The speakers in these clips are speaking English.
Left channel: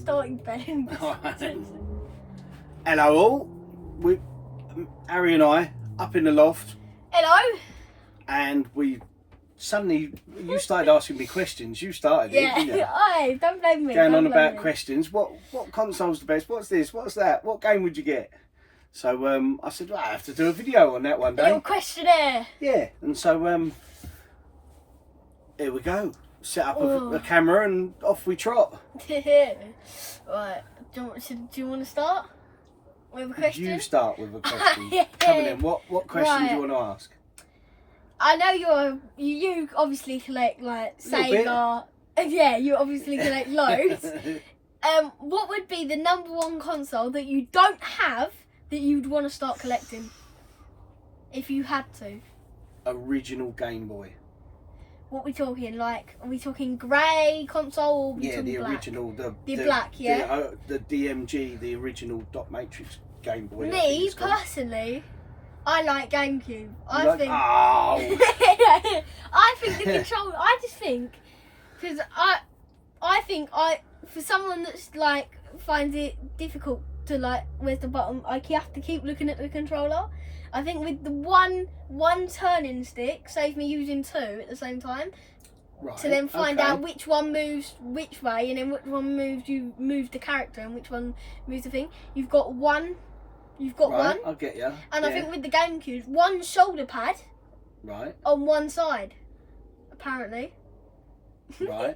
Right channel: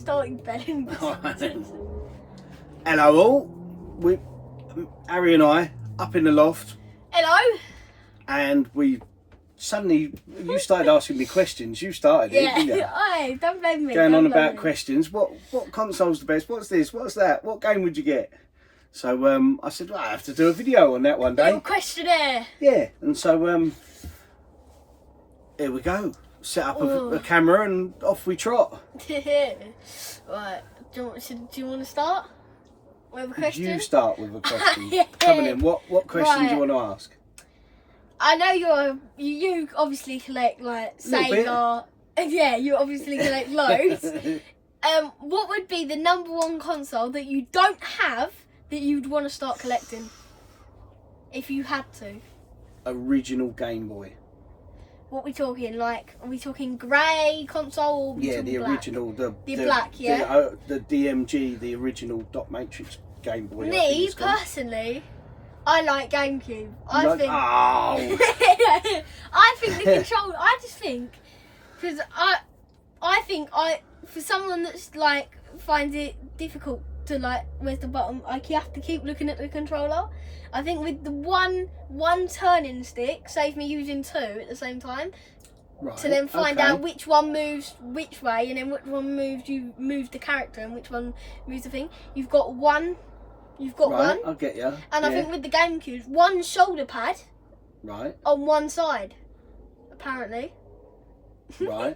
starting belling. Hello all. Harry and I up in the loft. Hello. And we suddenly, you started asking me questions. You started it, didn't you? Hey, don't blame me. Going on about questions. What console's the best? What's this? What's that? What game would you get? So I said, well, I have to do a video on that one day. A little questionnaire. Yeah, and so here we go. Set up a camera and off we trot. Right. Do you want to start with a question? You start with a question. Yeah. Coming in. What question do you want to ask? I know you obviously collect like Sega. Yeah, you obviously collect loads. What would be the #1 console that you don't have that you'd want to start collecting if you had to? Original Game Boy. What we talking? Like, are we talking grey console? Or Yeah, the black? original, the black, yeah. The DMG, the original dot matrix Game Boy. Me personally, I like GameCube. I think the control. I just think because I think for someone that's like finds it difficult to like where's the button, like you have to keep looking at the controller. I think with the one turning stick, save me using two at the same time. Right, to then find out which one moves which way, and then which one moves the character, and which one moves the thing. You've got one. One. I get you. And I think with the GameCube, one shoulder pad. Right. On one side, apparently. Right.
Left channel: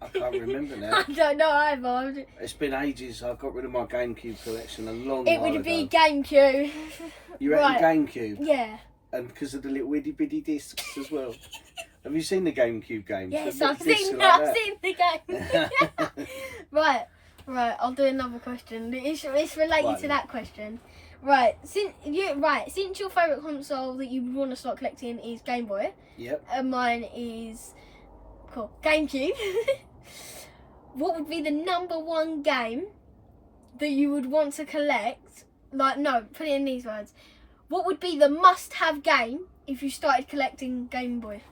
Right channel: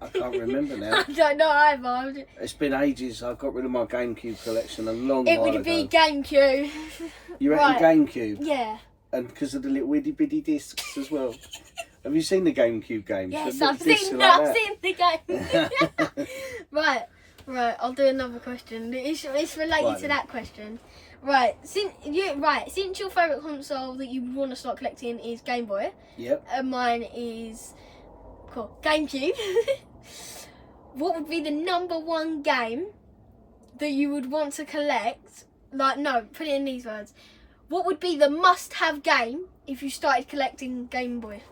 I can't remember now. I don't know either. It's been ages. I got rid of my GameCube collection a long It while would ago. be GameCube. You reckon GameCube? Yeah. And because of the little itty bitty discs as well. Have you seen the GameCube games? Yes, I've seen the game. Right, I'll do another question. It's related to that question. Right, since your favourite console that you want to start collecting is Game Boy. Yep. And mine is GameCube. What would be the #1 game that you would want to collect? Like, no, put it in these words. What would be the must-have game if you started collecting Game Boy?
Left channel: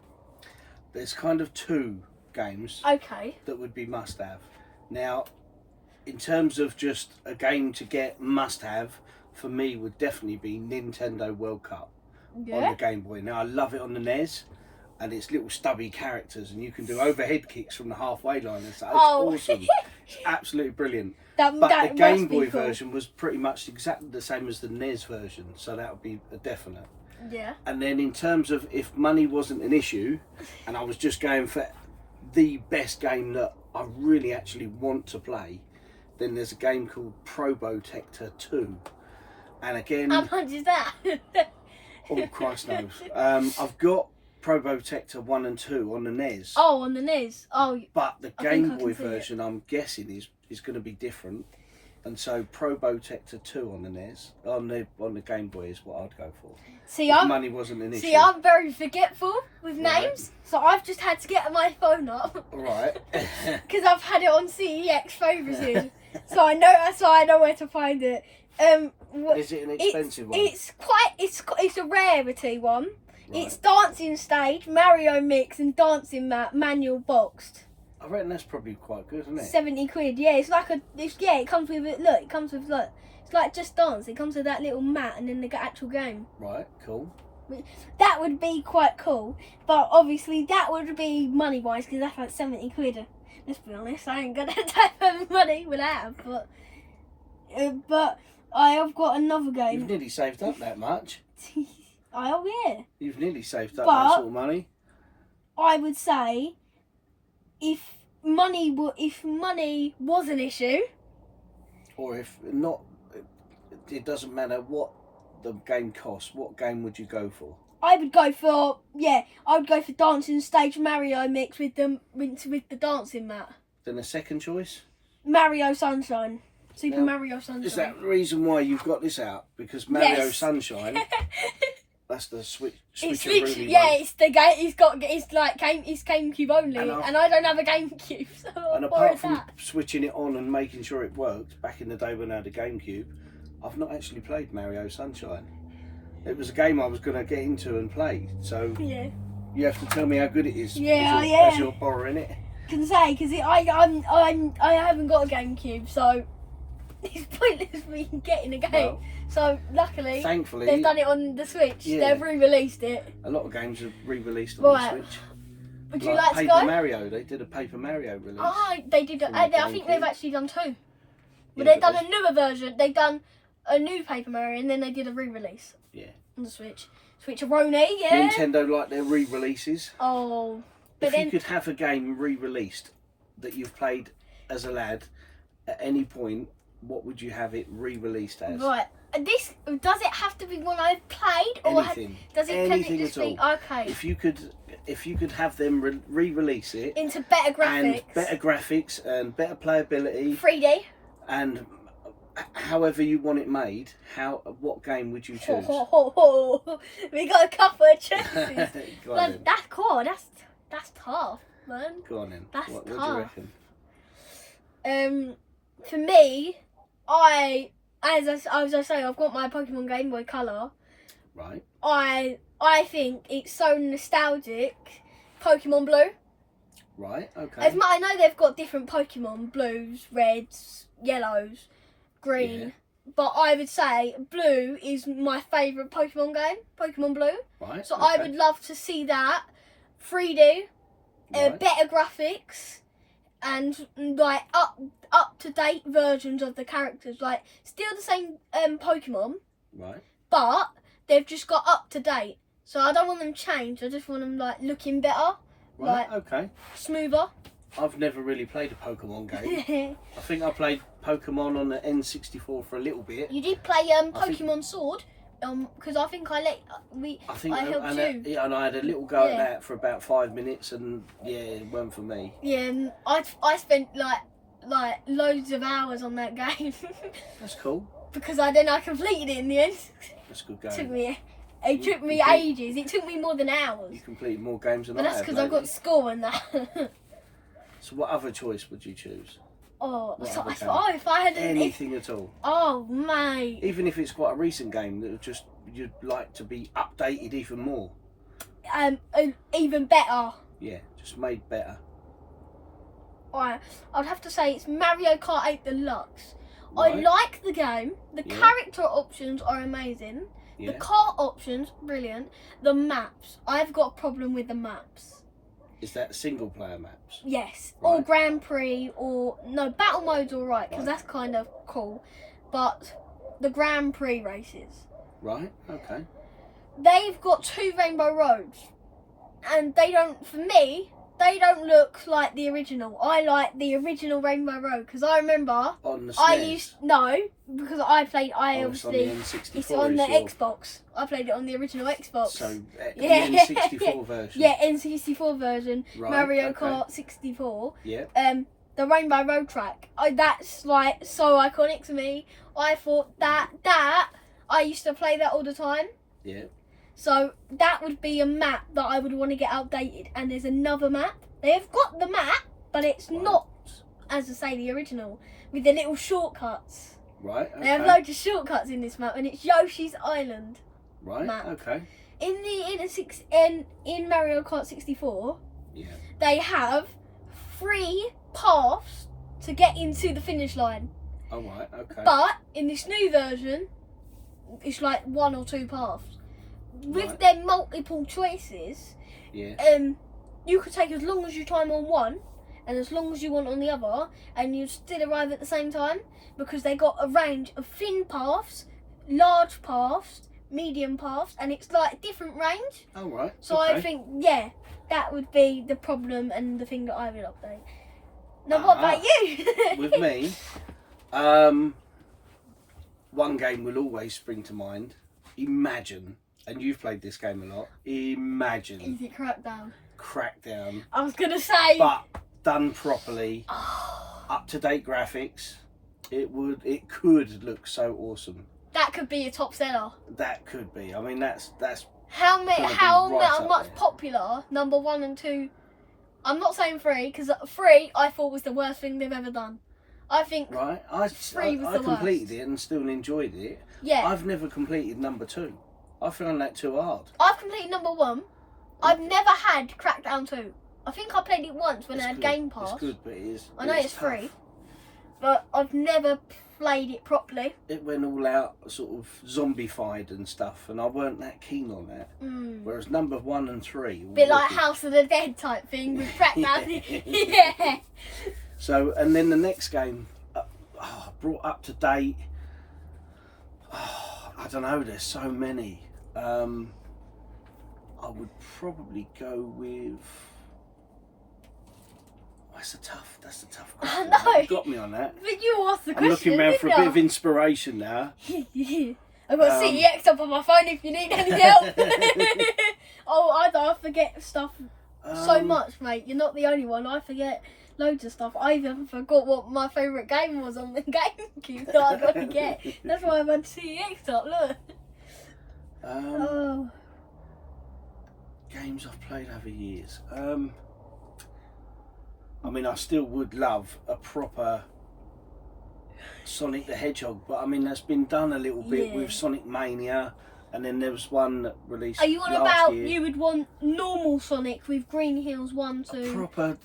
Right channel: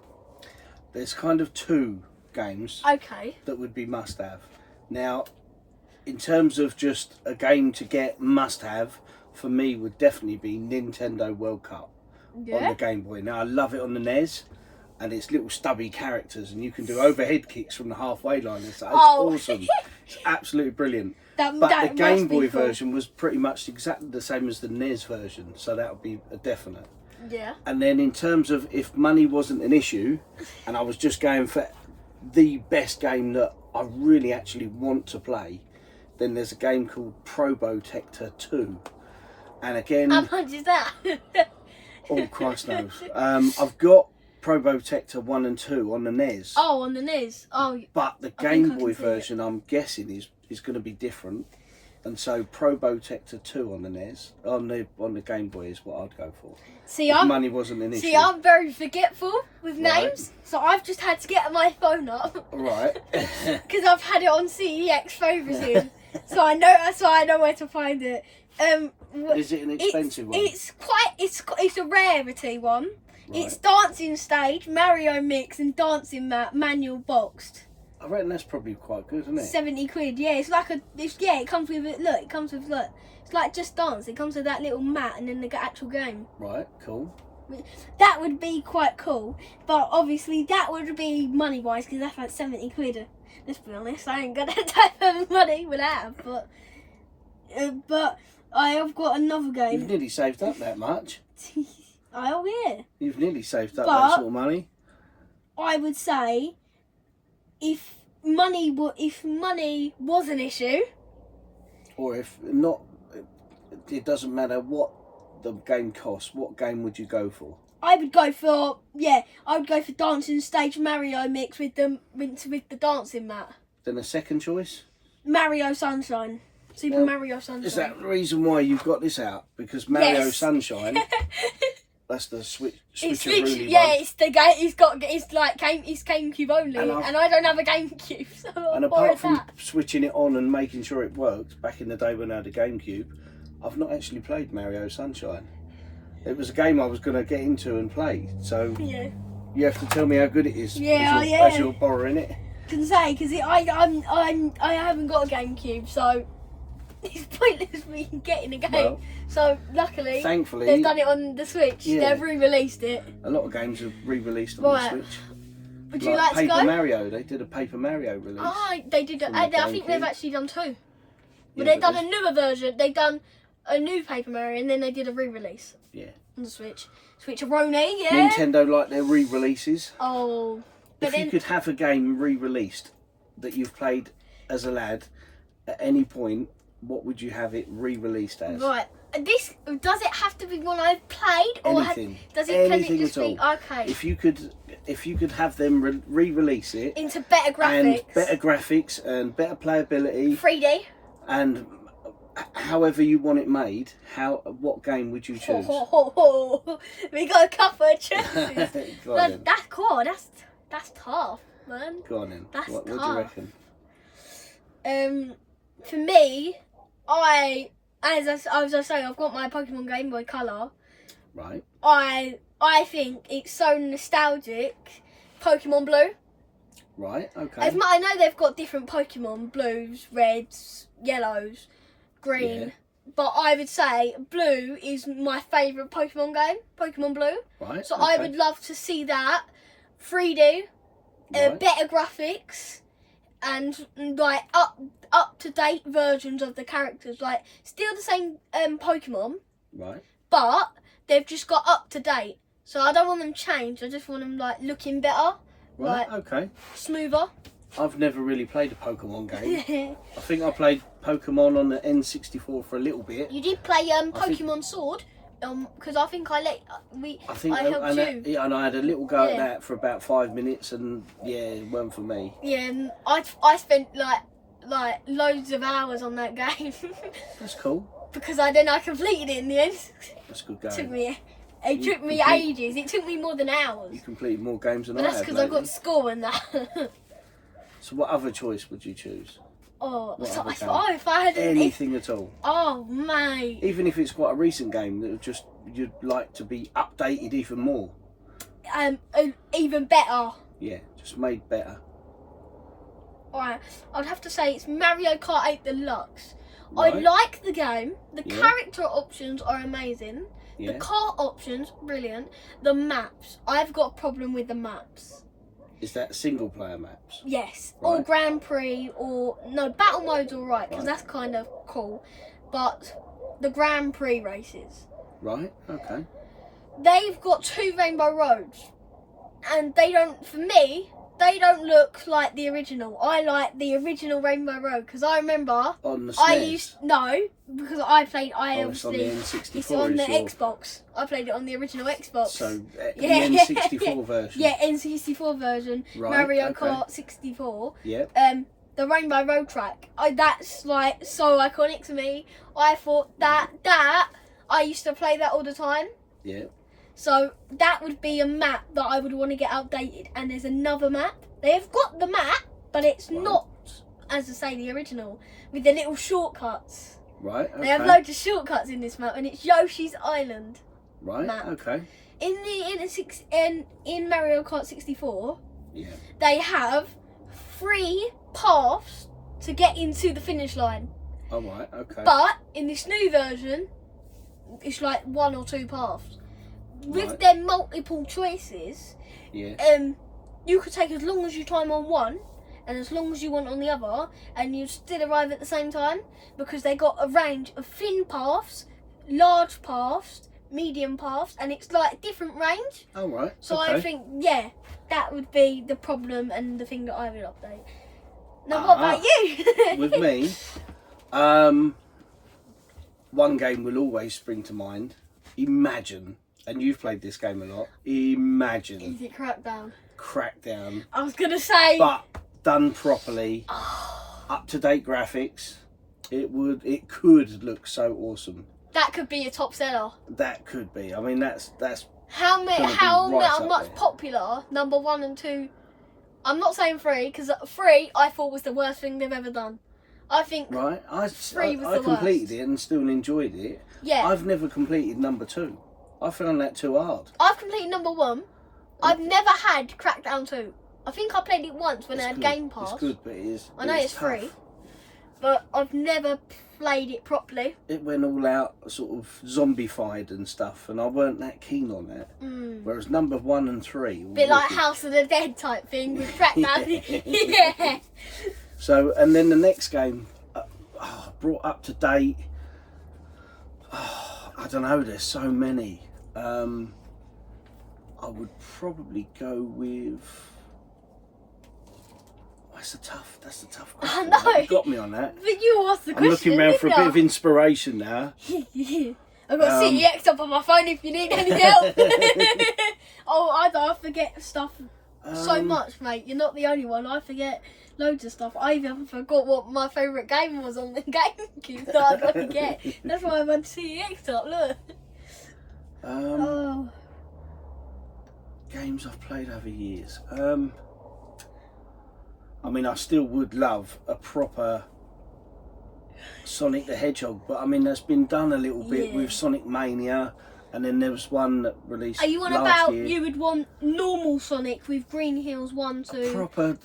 There's kind of two games that would be must-have. Now, in terms of just a game to get must-have, for me would definitely be Nintendo World Cup on the Game Boy. Now, I love it on the NES, and it's little stubby characters, and you can do overhead kicks from the halfway line. It's awesome. It's absolutely brilliant. But the Game Boy version was pretty much exactly the same as the NES version, so that would be a definite. Yeah. And then in terms of if money wasn't an issue, and I was just going for the best game that I really actually want to play, then there's a game called Probotector 2. And again... How much is that? Oh, Christ knows. I've got Probotector 1 and 2 on the NES. Oh, on the NES. Oh. But the Game Boy version, I'm guessing, is going to be different. And so Probotector 2 on the NES, on the Game Boy is what I'd go for. See, money wasn't an issue. See, I'm very forgetful with names, so I've just had to get my phone up. Right. Because I've had it on CEX favoriting, so I know where to find it. Is it an expensive one? It's a rarity one. Right. It's Dancing Stage, Mario Mix, and Dancing Mat manual boxed. I reckon that's probably quite good, isn't it? 70 quid, yeah. It comes with it. Look, it's like Just Dance. It comes with that little mat and then the actual game. Right, cool. That would be quite cool, but obviously that would be money wise because that's like 70 quid. Let's be honest, I ain't got that type of money with that, but I have got another game. You've nearly saved up that much. Oh yeah. You've nearly saved up that sort of money. I would say, if money was an issue, or if not, it doesn't matter what the game costs. What game would you go for? I would go for Dancing Stage Mario Mix with the dancing mat. Then a second choice? Mario Sunshine. Super Mario Sunshine. Is that the reason why you've got this out? Because Mario Sunshine. That's the switch. It's the game. It's GameCube only, and I don't have a GameCube. So and apart from switching it on and making sure it worked, back in the day when I had a GameCube, I've not actually played Mario Sunshine. It was a game I was going to get into and play. So you have to tell me how good it is. Yeah, as you're borrowing it. can say because I haven't got a GameCube, so it's pointless me getting a game. Well, so luckily, thankfully, they've done it on the Switch. Yeah. They've re-released it. A lot of games have re-released on Right. the Switch. Would you like to Paper go? Mario, they did a Paper Mario release. Oh, they did. I think they've actually done two. But they've done a newer version. They've done a new Paper Mario, and then they did a re-release. Yeah. On the Switch. Switch-a-roni, yeah. Nintendo like their re-releases. Oh. But if you could have a game re-released that you've played as a lad at any point, what would you have it re-released as? Right. Does it have to be one I've played, or Anything. Can it just be okay? If you could have them re-release it into better graphics, and better playability, 3D, and however you want it made, what game would you choose? We got a couple of choices. That's cool. That's tough, man. Go on then. That's what tough. do you reckon? For me, as I say, I've got my Pokemon Game Boy Color. Right. I think it's so nostalgic. Pokemon Blue. Right. Okay. I know they've got different Pokemon, blues, reds, yellows, green. Yeah. But I would say Blue is my favourite Pokemon game. Pokemon Blue. Right. So I would love to see that 3D, better graphics, and like up to date versions of the characters. Like still the same Pokemon. Right. But they've just got up to date. So I don't want them changed. I just want them like looking better. Right. Like, okay. Smoother. I've never really played a Pokemon game. I think I played Pokemon on the N64 for a little bit. You did play Pokemon Sword, because I think I helped you. Yeah, and I had a little go at that for about 5 minutes, and it weren't for me. Yeah, and I spent like loads of hours on that game. That's cool. Because I completed it in the end. That's a good game. It took me ages. It took me more than hours. You completed more games than I have. But that's because I got school and that. So what other choice would you choose? If I had anything at all. Oh, mate. Even if it's quite a recent game that you'd like to be updated even more. Even better. Yeah, just made better. Alright, I'd have to say it's Mario Kart 8 Deluxe. Right. I like the game. The character options are amazing. Yeah. The car options, brilliant. The maps, I've got a problem with the maps. Is that single player maps? Yes, right. Or Grand Prix, or no, battle mode's alright because that's kind of cool. But the Grand Prix races. Right. Okay. They've got 2 rainbow roads, and they don't look like the original. I like the original Rainbow Road because I remember on the SNES. Because I played. It's on the N64. It's on the Xbox. I played it on the original Xbox. So the N64 version. Yeah, N64 version. Right, Mario Kart 64. Yeah. The Rainbow Road track. That's like so iconic to me. I thought that I used to play that all the time. Yeah. So that would be a map that I would want to get updated. And there's another map. They've got the map, but it's not, as I say, the original, with the little shortcuts. Right. Okay. They have loads of shortcuts in this map, and it's Yoshi's Island. Right. Map. Okay. In Mario Kart 64, yeah, they have 3 paths to get into the finish line. Oh right. Okay. But in this new version, it's like 1 or 2 paths. With their multiple choices, you could take as long as you time on one and as long as you want on the other, and you still arrive at the same time, because they got a range of thin paths, large paths, medium paths, and it's like different range. Oh right. So I think that would be the problem and the thing that I would update. Now what about you? With me, one game will always spring to mind. Imagine. And you've played this game a lot. Imagine. Is it Crackdown? Crackdown. I was going to say. But done properly, up-to-date graphics, it could look so awesome. That could be a top seller. That could be. I mean, that's how much popular number 1 and 2. I'm not saying 3, because 3 I thought was the worst thing they've ever done. I think 3 was the worst. I completed it and still enjoyed it. Yeah. I've never completed number 2. I found that too hard. I've completed number 1. I've never had Crackdown 2. I think I played it once when I had Game Pass. It's good, but it is. I know it's free, but I've never played it properly. It went all out sort of zombified and stuff, and I weren't that keen on that. Whereas number 1 and 3, bit like House of the Dead type thing with crackdown. Yeah. So, and then the next game, brought up to date. I don't know. There's so many. I would probably go with. That's a tough question. I know. You got me on that. But you asked the question. I'm looking around for a bit of inspiration now. I've got CEX up on my phone if you need any help. I forget stuff so much, mate. You're not the only one. I forget loads of stuff. I even forgot what my favourite game was on the GameCube that I got to get. That's why I've had CEX up, look. Games I've played over years. I mean, I still would love a proper Sonic the Hedgehog, but I mean, that's been done a little bit with Sonic Mania, and then there was one that released. Are you on about year. You would want normal Sonic with Green Hills 1, 2, proper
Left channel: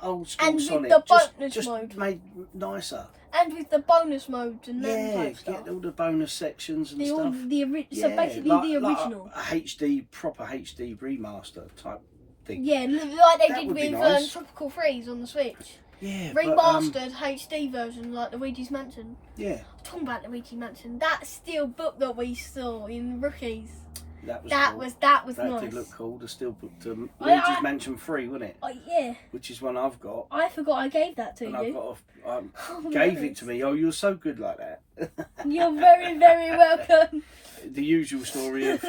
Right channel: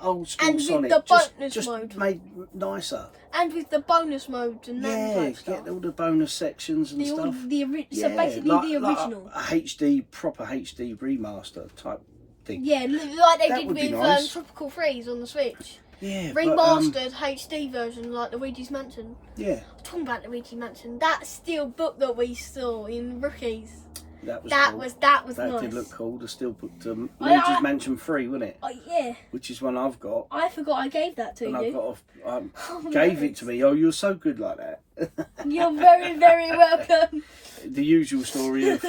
old school and Sonic, with the bonus mode, just made nicer. And with the bonus modes and that type stuff. Get all the bonus sections and stuff. So basically the original. Like proper HD remaster type thing. Yeah, like they did with nice. Tropical Freeze on the Switch. Yeah, remastered HD version like Luigi's Mansion. Yeah. I'm talking about Luigi's Mansion. That steel book that we saw in Rookies. That was nice. That did look cool. The steel book to Luigi's Mansion 3, wasn't it? Yeah. Which is one I've got. I forgot I gave that to you. Gave it to me. Oh, you're so good like that. You're very, very welcome. The usual story of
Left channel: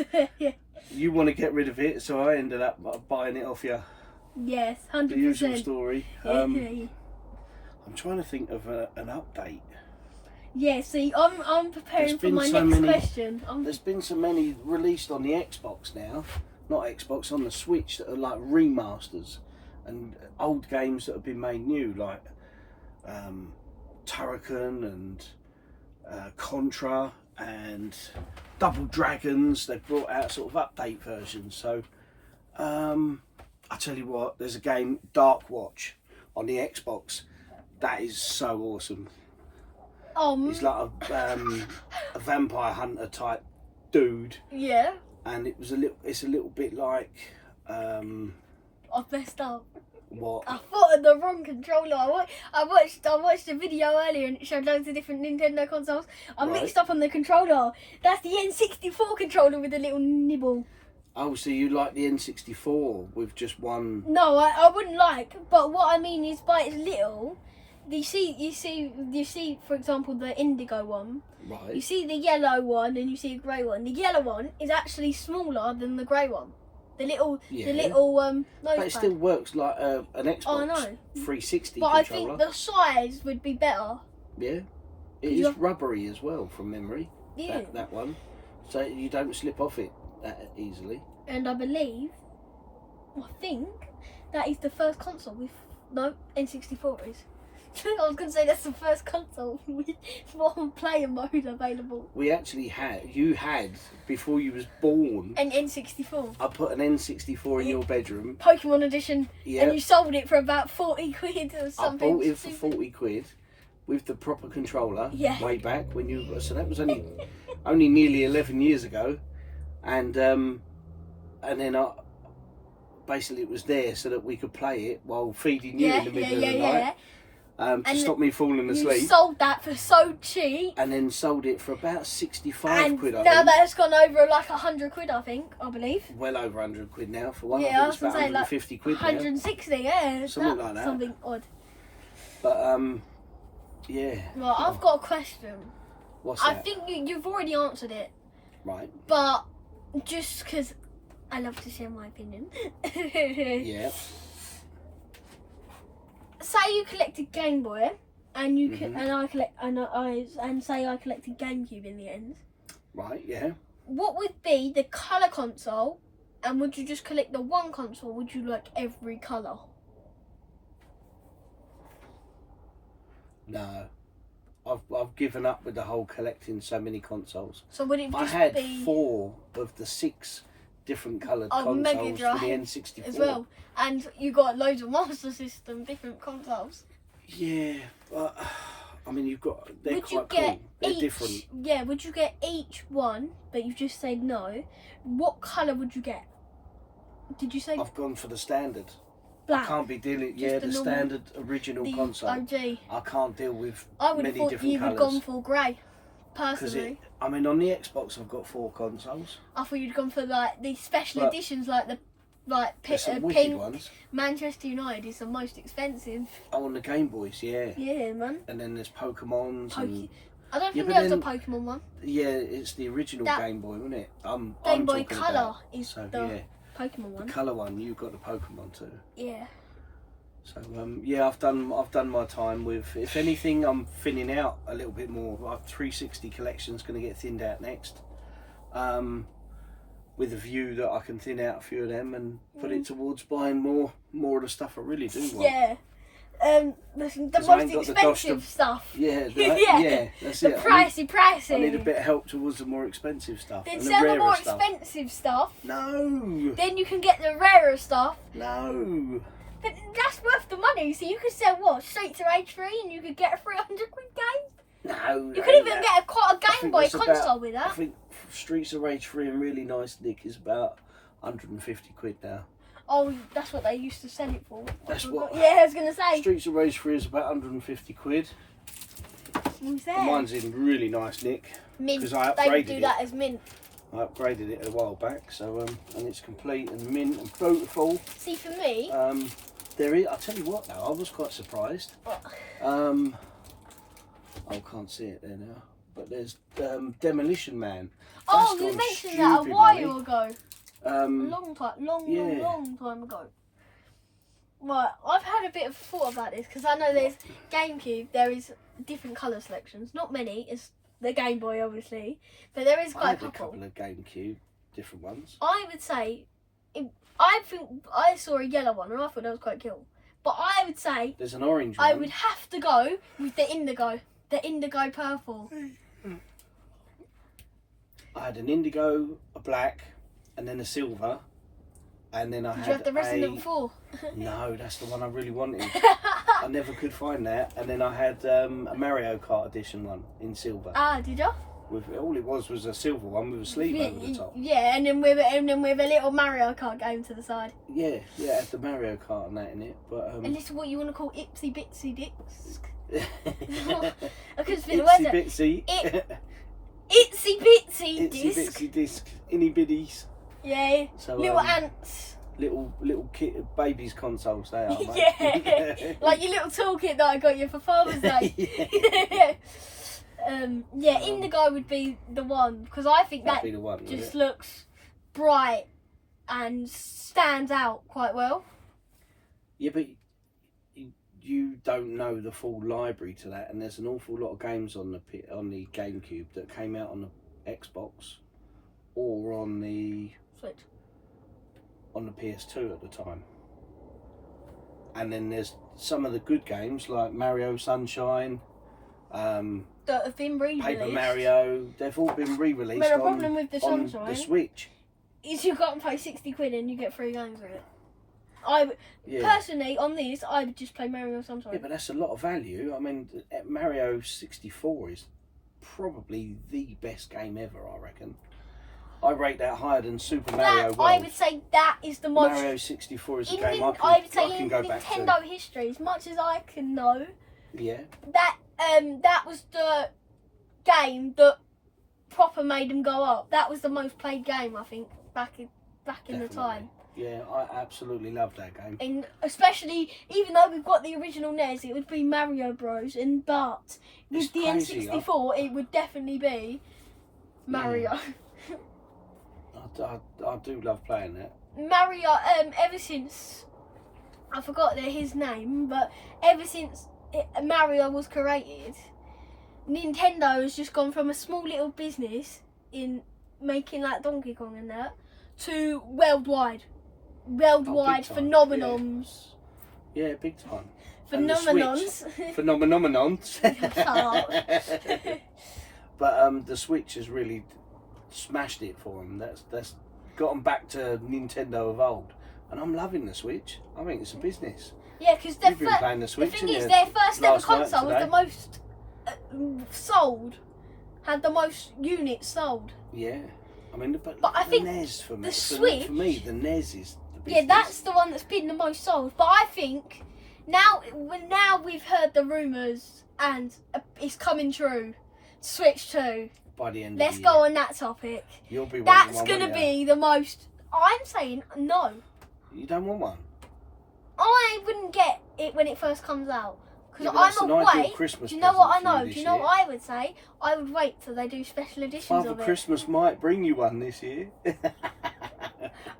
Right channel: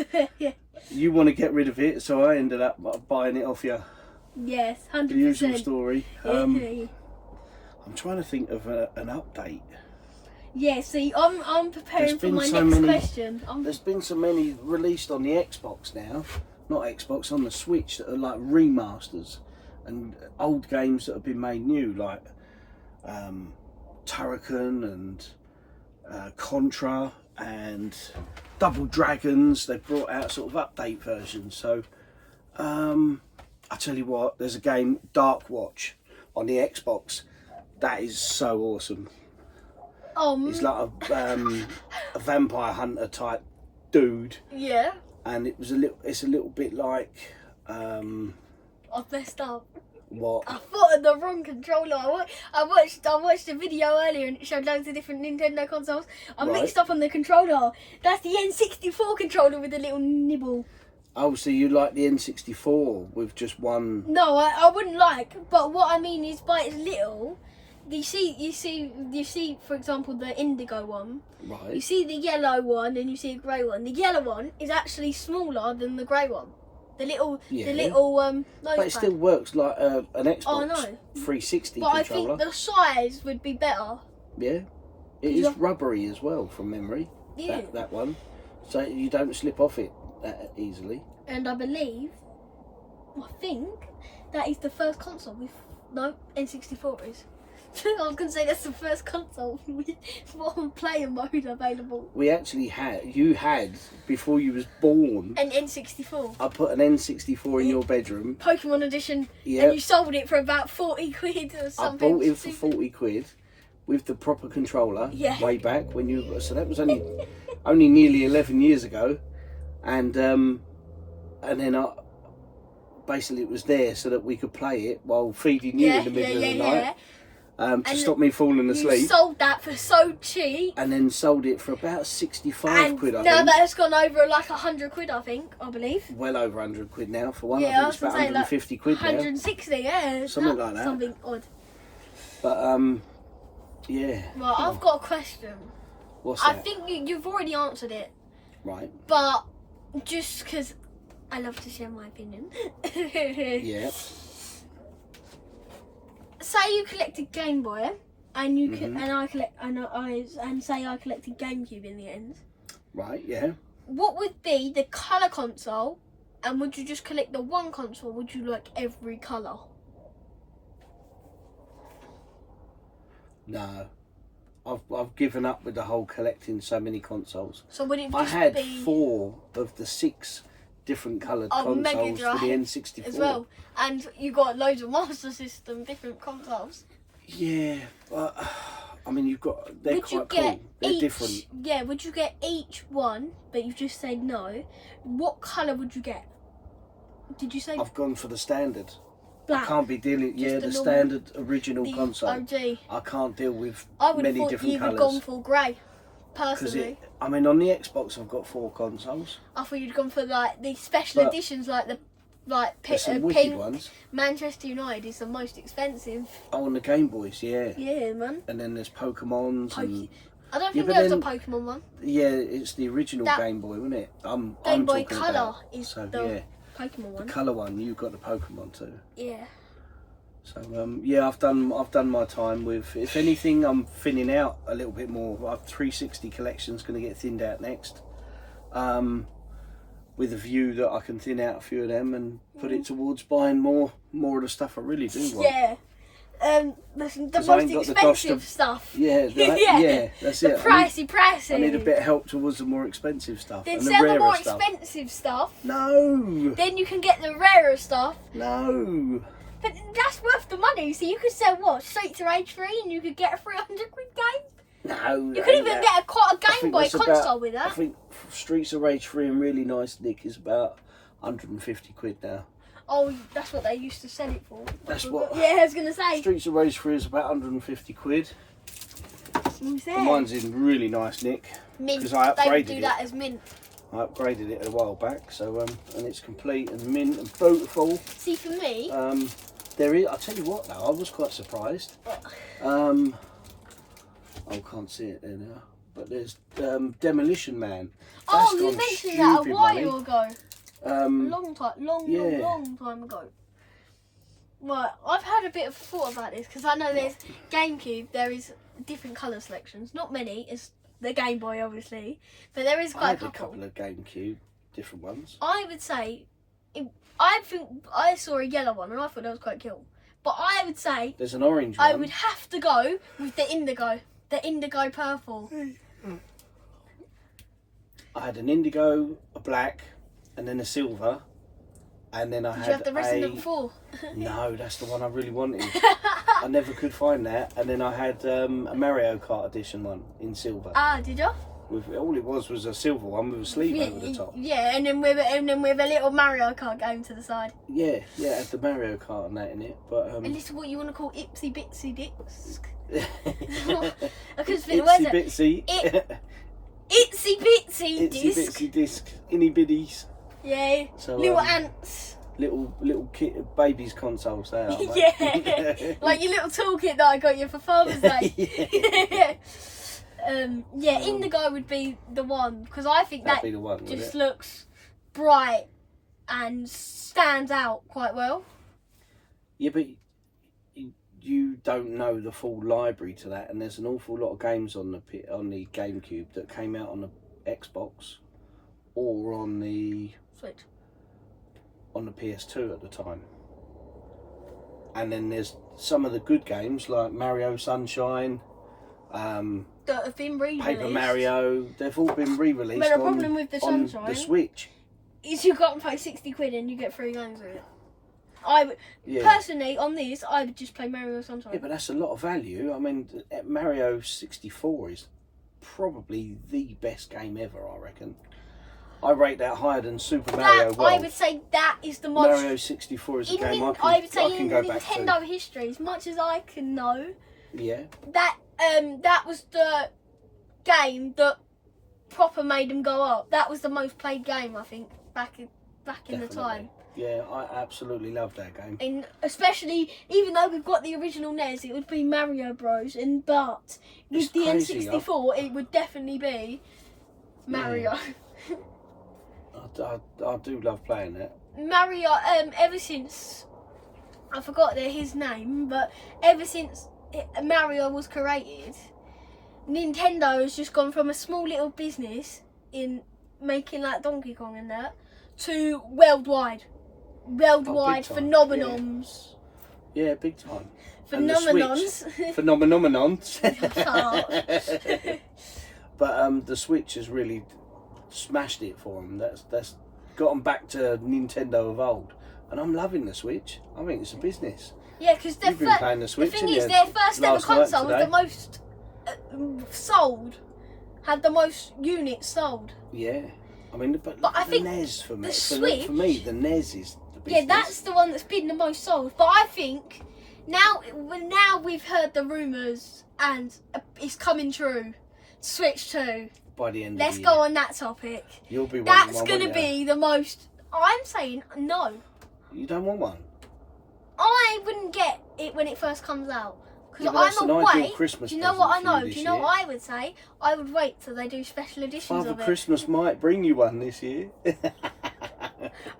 you want to get rid of it, so I ended up buying it off you. Yes, 100%. The usual story. I'm trying to think of an update. Yeah, see, I'm preparing for my next question. There's been so many released on the Xbox now, not Xbox, on the Switch that are like remasters and old games that have been made new, like Turrican and Contra and Double Dragons. They've brought out sort of update versions. So I tell you what, there's a game, Dark Watch, on the Xbox. That is so awesome. He's like a vampire hunter type dude. Yeah. And it's a little bit like I messed up. What? I thought of the wrong controller. I watched a video earlier and it showed loads of different Nintendo consoles. I mixed up on the controller. That's the N64 controller with a little nibble. Oh, so you like the N64 with just one? No, I wouldn't like. But what I mean is, by its little. You see, for example, the indigo one. Right. You see the yellow one and you see a grey one. The yellow one is actually smaller than the grey one. The little But it still works like an Xbox 360 but controller. I think the size would be better. Yeah. It is rubbery as well, from memory. Yeah. That one. So you don't slip off it that easily. And I think that is the first console with N64 is. I was going to say that's the first console with one player mode available. We actually you had, before you was born, an N64. I put an N64 in your bedroom. Pokemon edition. Yep. And you sold it for about 40 quid or something. I bought it for 40 quid with the proper controller way back when you... So that was only nearly 11 years ago. And then basically it was there so that we could play it while feeding you in the middle of the night. To stop me falling asleep. You sold that for so cheap. And then sold it for about 65 quid, I think. Now that it's gone over like 100 quid, I believe. Well over 100 quid now for one. Yeah, I think it's about 150 quid 160, yeah. Something like that. Something odd. But, yeah. Well, I've got a question. What's that? I think you've already answered it. Right. But just because I love to share my opinion. Yeah. Say you collected Game Boy, and you and say I collected GameCube in the end. Right. Yeah. What would be the colour console, and would you just collect the one console? Or would you like every colour? No, I've given up with the whole collecting so many consoles. So would it just I had 4 of the 6 different coloured Mega consoles Drive for the N64 as well, and you got loads of Master System, different consoles. Yeah, but I mean, they're Would quite you get cool. They're different. Yeah, would you get each one? But you just said no. What colour would you get? Did you say? I've gone for the standard. Black. I can't be dealing. Yeah, the standard original console. OG. I can't deal with I would have many thought different you would have colours. gone for grey. Personally, I mean, on the Xbox, I've got 4 consoles. I thought you'd gone for like the special editions, like the Some wicked pink. ones. Manchester United is the most expensive. Oh, on the Game Boys, yeah. Yeah, man. And then there's Pokemons. I don't think there's a Pokemon one. Yeah, it's the original Game Boy, wasn't it? Game Boy Color is the Pokemon one. The colour one, you've got the Pokemon too. Yeah. So yeah, I've done my time with. If anything, I'm thinning out a little bit more. Our 360 collection's going to get thinned out next, with a view that I can thin out a few of them and put it towards buying more of the stuff I really do want. Yeah. The most expensive stuff. Yeah, yeah, that's the it. Pricey. I need a bit of help towards the more expensive stuff. Then and sell the rarer more stuff. expensive stuff. No. Then you can get the rarer stuff. No. But that's worth the money. So you could sell Streets of Rage 3 and you could get a 300 quid game. No. You could even get a Game Boy console with that. I think Streets of Rage 3 and Really Nice Nick is about 150 quid now. Oh, that's what they used to sell it for. That's what. Yeah, I was gonna say. Streets of Rage 3 is about 150 quid. Who's there? And mine's in Really Nice Nick. Mint. They would do that as mint. I upgraded it a while back, so and it's complete and mint and beautiful. See, for me, there is. I'll tell you what, though, I was quite surprised. I can't see it there now, but there's Demolition Man. Oh, you mentioned that a while ago. Long time ago. Right, I've had a bit of thought about this because I know there's GameCube. There is different colour selections. Not many. It's the Game Boy, obviously, but there is quite a couple of GameCube, different ones. I would say, I think I saw a yellow one and I thought that was quite cool. But I would say there's an orange one. I would have to go with the indigo purple. I had an indigo, a black, and then a silver, and then I had. Did you have the Resident 4? No, that's the one I really wanted. I never could find that, and then I had a Mario Kart edition one in silver. Ah, did you? With all it was a silver one with a sleeve over the top. Yeah, and then with a little Mario Kart game to the side. Yeah, it had the Mario Kart and that in it, but. And this is what you want to call itsy bitsy dicks. I couldn't think of it. Itsy bitsy. Itsy bitsy disc. Itsy bitsy disc. Inny biddies. Yeah. So, little ants. Little kid babies consoles they are. Yeah. Like your little toolkit that I got you for Father's Day. Yeah. Indigo would be the one because I think that just looks bright and stands out quite well. Yeah, but you don't know the full library to that, and there's an awful lot of games on the GameCube that came out on the Xbox or on the Switch, on the PS2 at the time. And then there's some of the good games like Mario Sunshine, that have been re-released. Paper Mario. They've all been re-released. But the problem with the Sunshine, the Switch, is you got to pay 60 quid and you get 3 games with it. Personally, on these, I would just play Mario Sunshine. Yeah, but that's a lot of value. I mean, Mario 64 is probably the best game ever, I reckon. I rate that higher than Super Mario World. I would say that is the most... Mario 64 is a game I would say in Nintendo history, as much as I can know, yeah, that was the game that proper made them go up. That was the most played game, I think, back in the time. Yeah, I absolutely love that game. And especially, even though we've got the original NES, it would be Mario Bros. But with the N64, it would definitely be Mario. Yeah. I do love playing it. Mario, ever since, I forgot his name, but ever since Mario was created, Nintendo has just gone from a small little business in making like Donkey Kong and that, to worldwide phenomenons. Yeah, big time. Phenomenons. Phenomenons. But the Switch has really smashed it for them. That's got them back to Nintendo of old, and I'm loving the Switch. I think it's a business. Yeah, because You've been playing the Switch. The thing is, their first ever console was the most sold, had the most units sold. Yeah, I mean, but I the think NES for me, the Switch, for me, the NES is the business. Yeah, that's the one that's been the most sold. But I think now we've heard the rumours and it's coming true. Switch 2. By the end Let's of the go year. on that topic. You'll be That's going to be the most... I'm saying no. You don't want one? I wouldn't get it when it first comes out. Because I'm away. Christmas Do you know what I know? this Do you know year. what I would say? I would wait till they do special editions Father of it. Christmas might bring you one this year.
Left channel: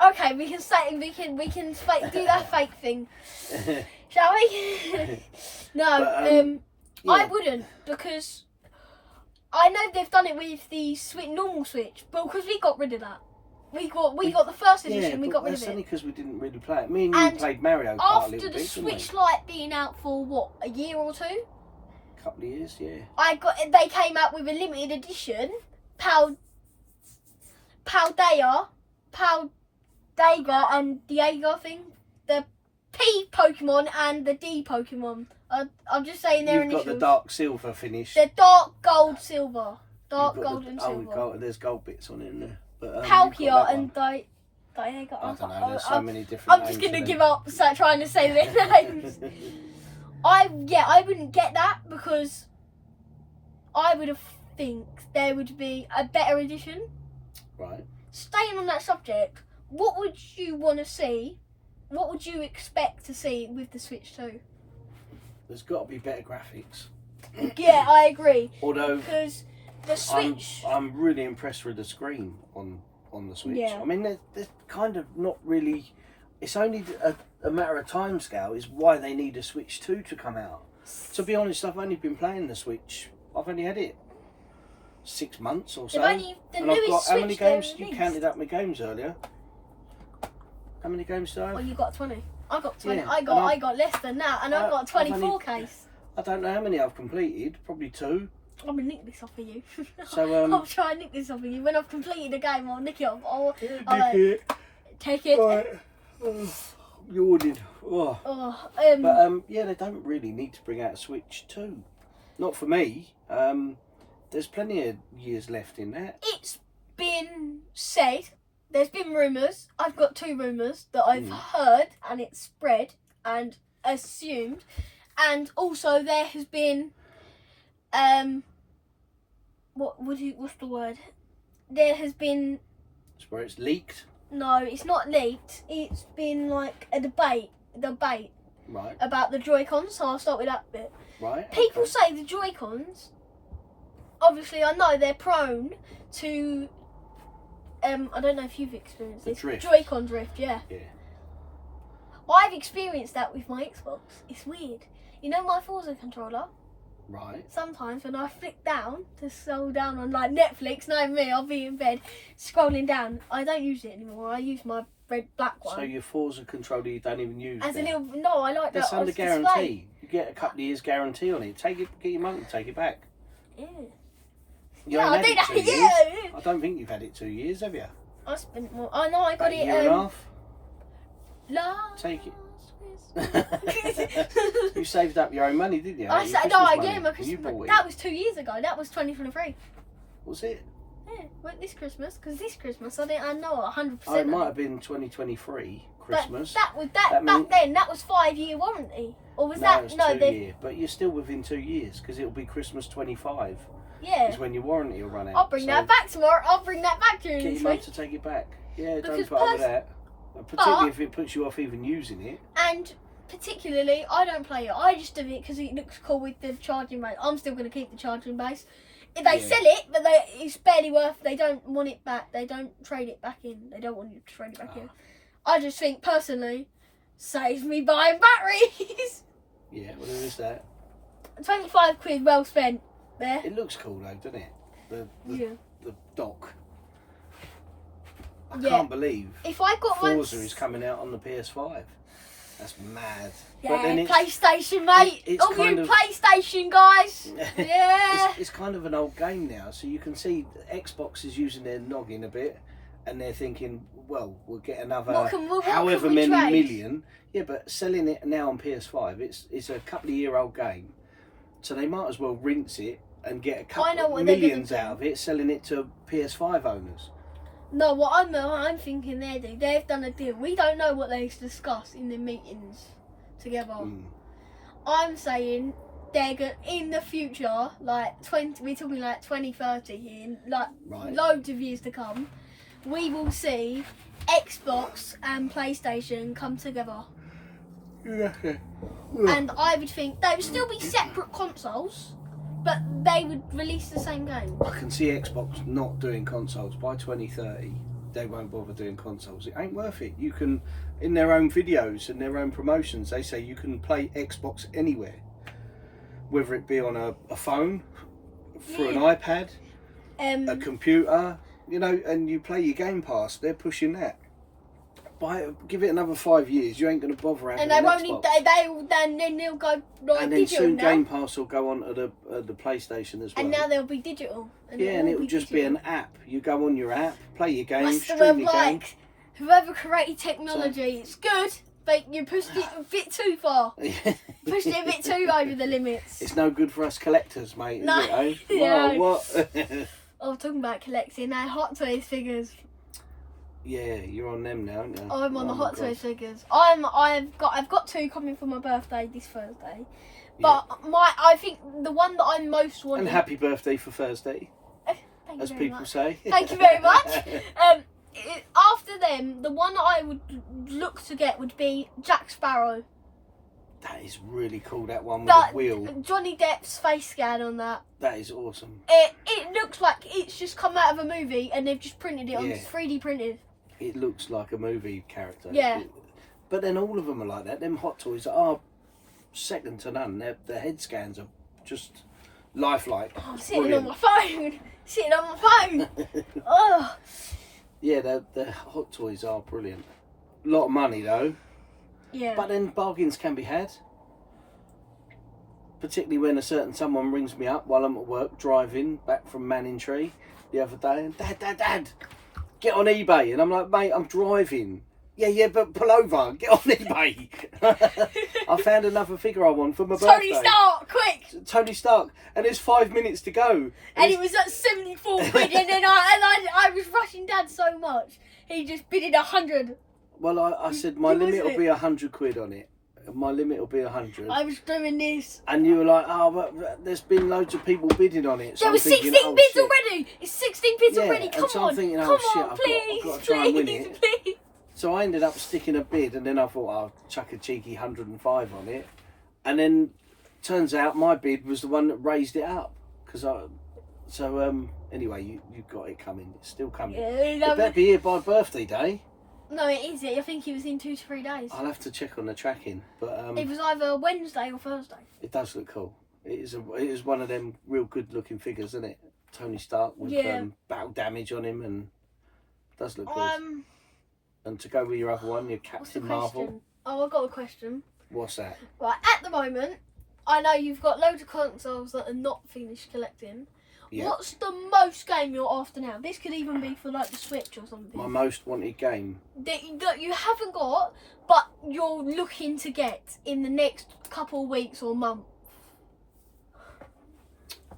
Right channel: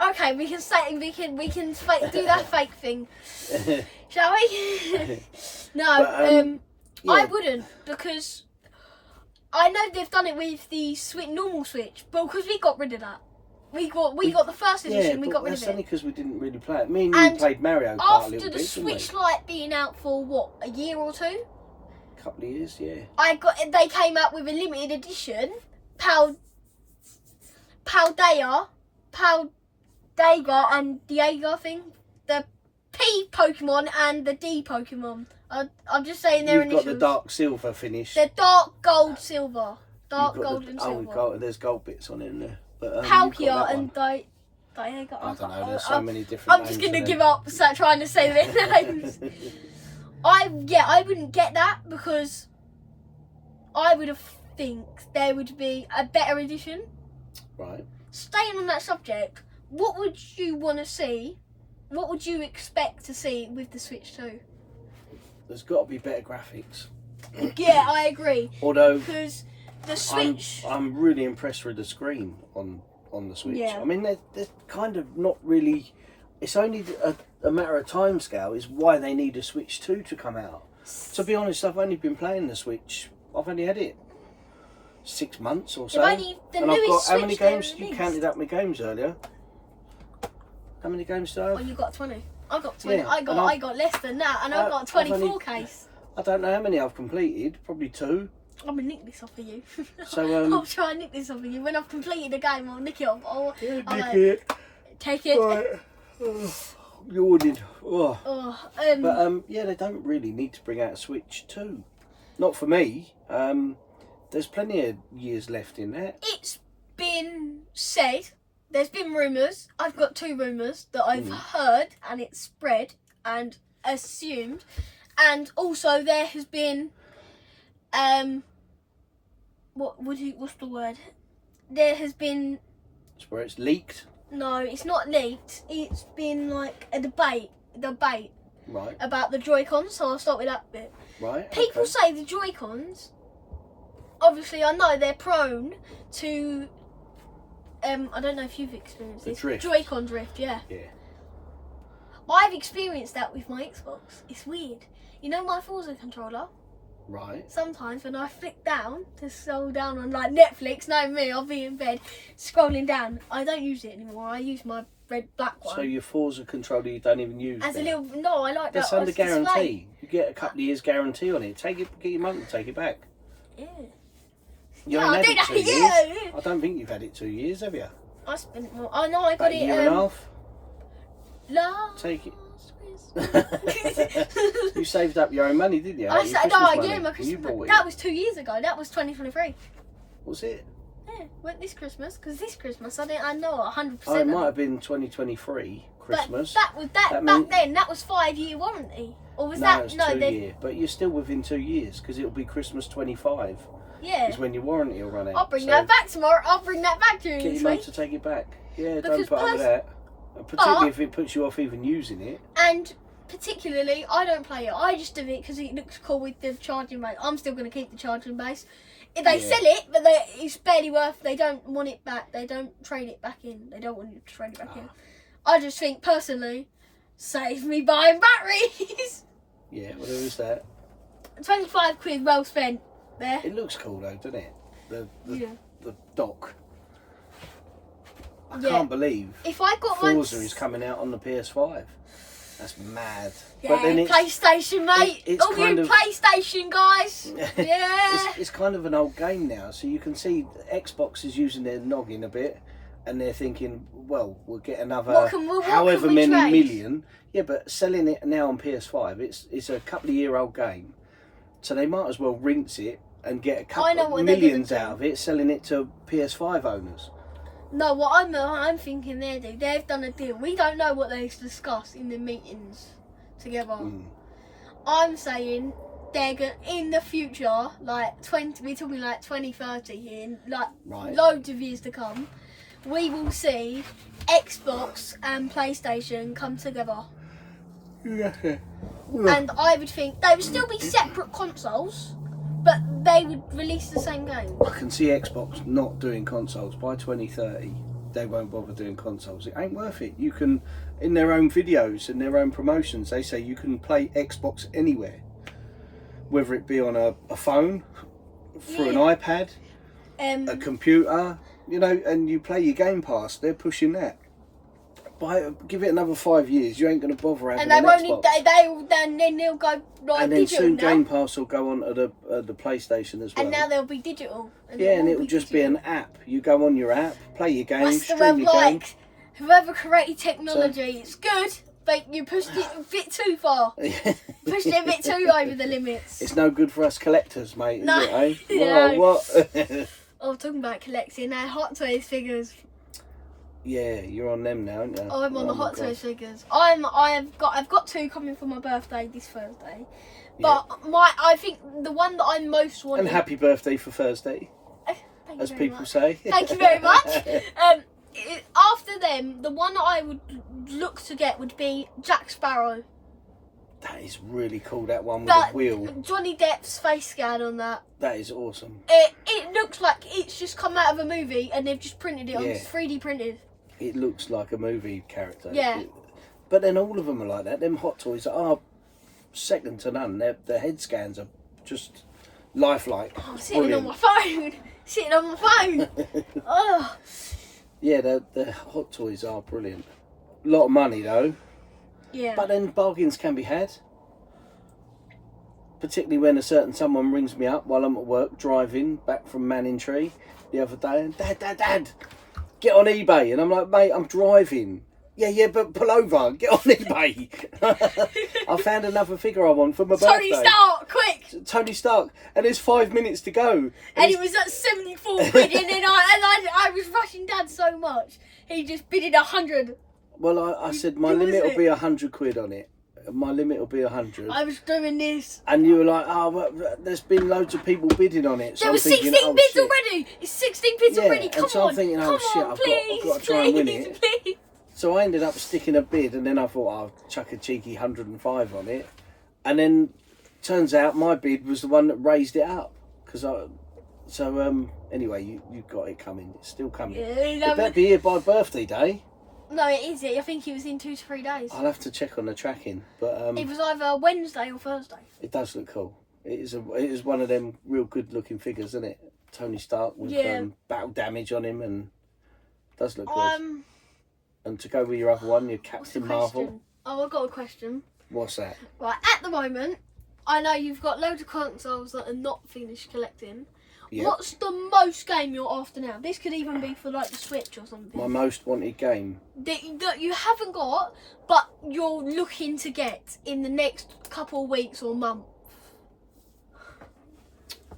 Okay, we can say do that fake thing, shall we? No, But, yeah. I wouldn't, because I know they've done it with the normal Switch, but because we got rid of that, we got the first edition, we got rid of it. That's only because we didn't really play it. Me and you played Mario Kart a After little the bit, Switch Lite being out for what, a year or two? A couple of years, yeah. They came out with a limited edition, Paldea and Diego thing, the P Pokemon and the D Pokemon. I'm just saying their initials. You've got the dark silver finish. The dark gold silver. Dark gold and silver. There's gold bits on it in there. But, Palkia and Diego. I don't know, there's so many different I'm just names going to for give up trying to say their names. I wouldn't get that, because I would think there would be a better edition. Right. Staying on that subject, what would you want to see? What would you expect to see with the Switch 2? There's got to be better graphics. Yeah, I agree. Although because the Switch, I'm really impressed with the screen on the Switch. Yeah. I mean, they're kind of not really. It's only a matter of time scale is why they need a Switch 2 to come out. To be honest, I've only been playing the Switch. I've only had it 6 months or so. the and newest I've got how many Switch games? they You counted up my games earlier. How many games do I have? Well, you got 20. I got 20. Yeah, I got less than that, and I've got a 24 case. I don't know how many I've completed. Probably 2. I'm gonna nick this off of you. So I'll try and nick this off of you. When I've completed a game, I'll nick it off. I'll take it. Right. Oh, yawning. Oh. But yeah, they don't really need to bring out a Switch 2. Not for me. There's plenty of years left in that. It's been said. There's been rumours. I've got 2 rumours that I've heard, and it's spread and assumed. And also there has been what's the word? There has been... It's where it's leaked? No, it's not leaked. It's been like a debate Right. about the Joy-Cons, so I'll start with that bit. Right. People say the Joy-Cons, obviously I know they're prone to, I don't know if you've experienced this. Drift. Joy-Con drift, yeah. Yeah. I've experienced that with my Xbox. It's weird. You know my Forza controller? Right. Sometimes when I flick down to scroll down on like Netflix, know me, I'll be in bed scrolling down. I don't use it anymore. I use my black one. So your Forza controller you don't even use As now? a little, no, I like that. That's under as display. guarantee. You get a couple of years guarantee on it. Get your money and take it back. Yeah. You Yeah, ain't I had do it that. 2 years. Yeah. I don't think you've had it 2 years, have you? I spent more. I know I got About it. a year and a half. Last Take it. Christmas. You saved up your own money, didn't you? I Your said, Christmas no, money yeah, my when you Christmas. bought it. That was 2 years ago. That was 2023. Was it? Yeah, went this Christmas, because this Christmas I know 100%. Oh, it might have been 2023 Christmas. But back then. That was 5-year warranty, or was no, that it's 2 year. But you're still within 2 years because it'll be Christmas 25. Yeah. Is when your warranty will run out. I'll bring that back tomorrow. I'll bring that back during Get this your mum week. to take it back. Yeah, Because don't put up with that. Particularly if it puts you off even using it. And particularly, I don't play it. I just do it because it looks cool with the charging base. I'm still going to keep the charging base. If they sell it, but it's barely worth. They don't want it back. They don't trade it back in. They don't want you to trade it back in. I just think personally, save me buying batteries. Yeah, well there is that. 25 quid well spent there. It looks cool though, doesn't it? The dock. I can't believe if I got Forza is coming out on the PS5. That's mad. Yeah, but then PlayStation, mate. it's All kind you of, PlayStation guys. Yeah. It's kind of an old game now, so you can see Xbox is using their noggin a bit, and they're thinking, well, we'll get another what however can we many trade? million. Yeah, but selling it now on PS5, it's a couple of year old game, so they might as well rinse it and get a couple of millions out of it, selling it to PS5 owners. No, what I'm thinking they've done a deal. We don't know what they've discussed in the meetings together. I'm saying they're going in the future, like we're talking like 2030 here, like loads of years to come. We will see Xbox and PlayStation come together. Yeah. And I would think they would still be separate consoles, but they would release the same game. I can see Xbox not doing consoles by 2030. They won't bother doing consoles. It ain't worth it. You can, in their own videos and their own promotions, they say you can play Xbox anywhere, whether it be on a phone, through an iPad, a computer, you know, and you play your Game Pass. They're pushing that. Give it another 5 years, you ain't going to bother having and they an won't Xbox. then they'll go like and then digital soon now. Game Pass will go on to the PlayStation as well. And now they'll be digital. And it'll just be an app. You go on your app, play your game, That's stream your game. Whoever created technology, it's good, but you pushed it a bit too far. Pushed it a bit too over the limits. It's no good for us collectors, mate, is No. it, eh? No. What? I'm talking about collecting now Hot Toys figures. Yeah, you're on them now, aren't you? I'm on the Hot Toys figures. I've got 2 coming for my birthday this Thursday. But I think the one that I'm most wanting. And happy birthday for Thursday, Thank as you very people much. say. Thank you very much. After them, the one that I would look to get would be Jack Sparrow. That is really cool, that one with That the wheel. Johnny Depp's face scan on that. That is awesome. It looks like it's just come out of a movie and they've just printed it on 3D printed. It looks like a movie character. Yeah. But then all of them are like that. Them Hot Toys are second to none. The head scans are just lifelike. Oh, I'm sitting on my phone. Sitting on my phone. Oh. Yeah, the Hot Toys are brilliant. A lot of money though. Yeah. But then bargains can be had. Particularly when a certain someone rings me up while I'm at work driving back from Manningtree the other day and Dad, get on eBay. And I'm like, mate, I'm driving. Yeah, but pull over, get on eBay. I found another figure I want for my birthday. Tony Stark, quick! Tony Stark, and there's 5 minutes to go. And it was at 74 quid, and then I was rushing Dad so much, he just bid it 100. Well, I said my limit will be 100 quid on it. My limit will be 100. I was doing this. And you were like, oh, but there's been loads of people bidding on it. So there were 16 bids already. It's 16 bids already. Come so on. I'm thinking, Come shit, on, I've got to try and win it. Please. So I ended up sticking a bid, and then I thought I'll chuck a cheeky 105 on it. And then turns out my bid was the one that raised it up. Anyway, you've got it coming. It's still coming. Yeah, Would that be here by birthday day? No, it is. I think it was in 2 to 3 days. I'll have to check on the tracking, but it was either Wednesday or Thursday. It does look cool. It is one of them real good looking figures, isn't it? Tony Stark with battle damage on him, and does look good. And to go with your other one, your Captain Marvel. Oh, I've got a question. What's that? Right, at the moment, I know you've got loads of consoles that are not finished collecting. Yep. What's the most game you're after now? This could even be for like the Switch or something. My most wanted game? That you haven't got, but you're looking to get in the next couple of weeks or month.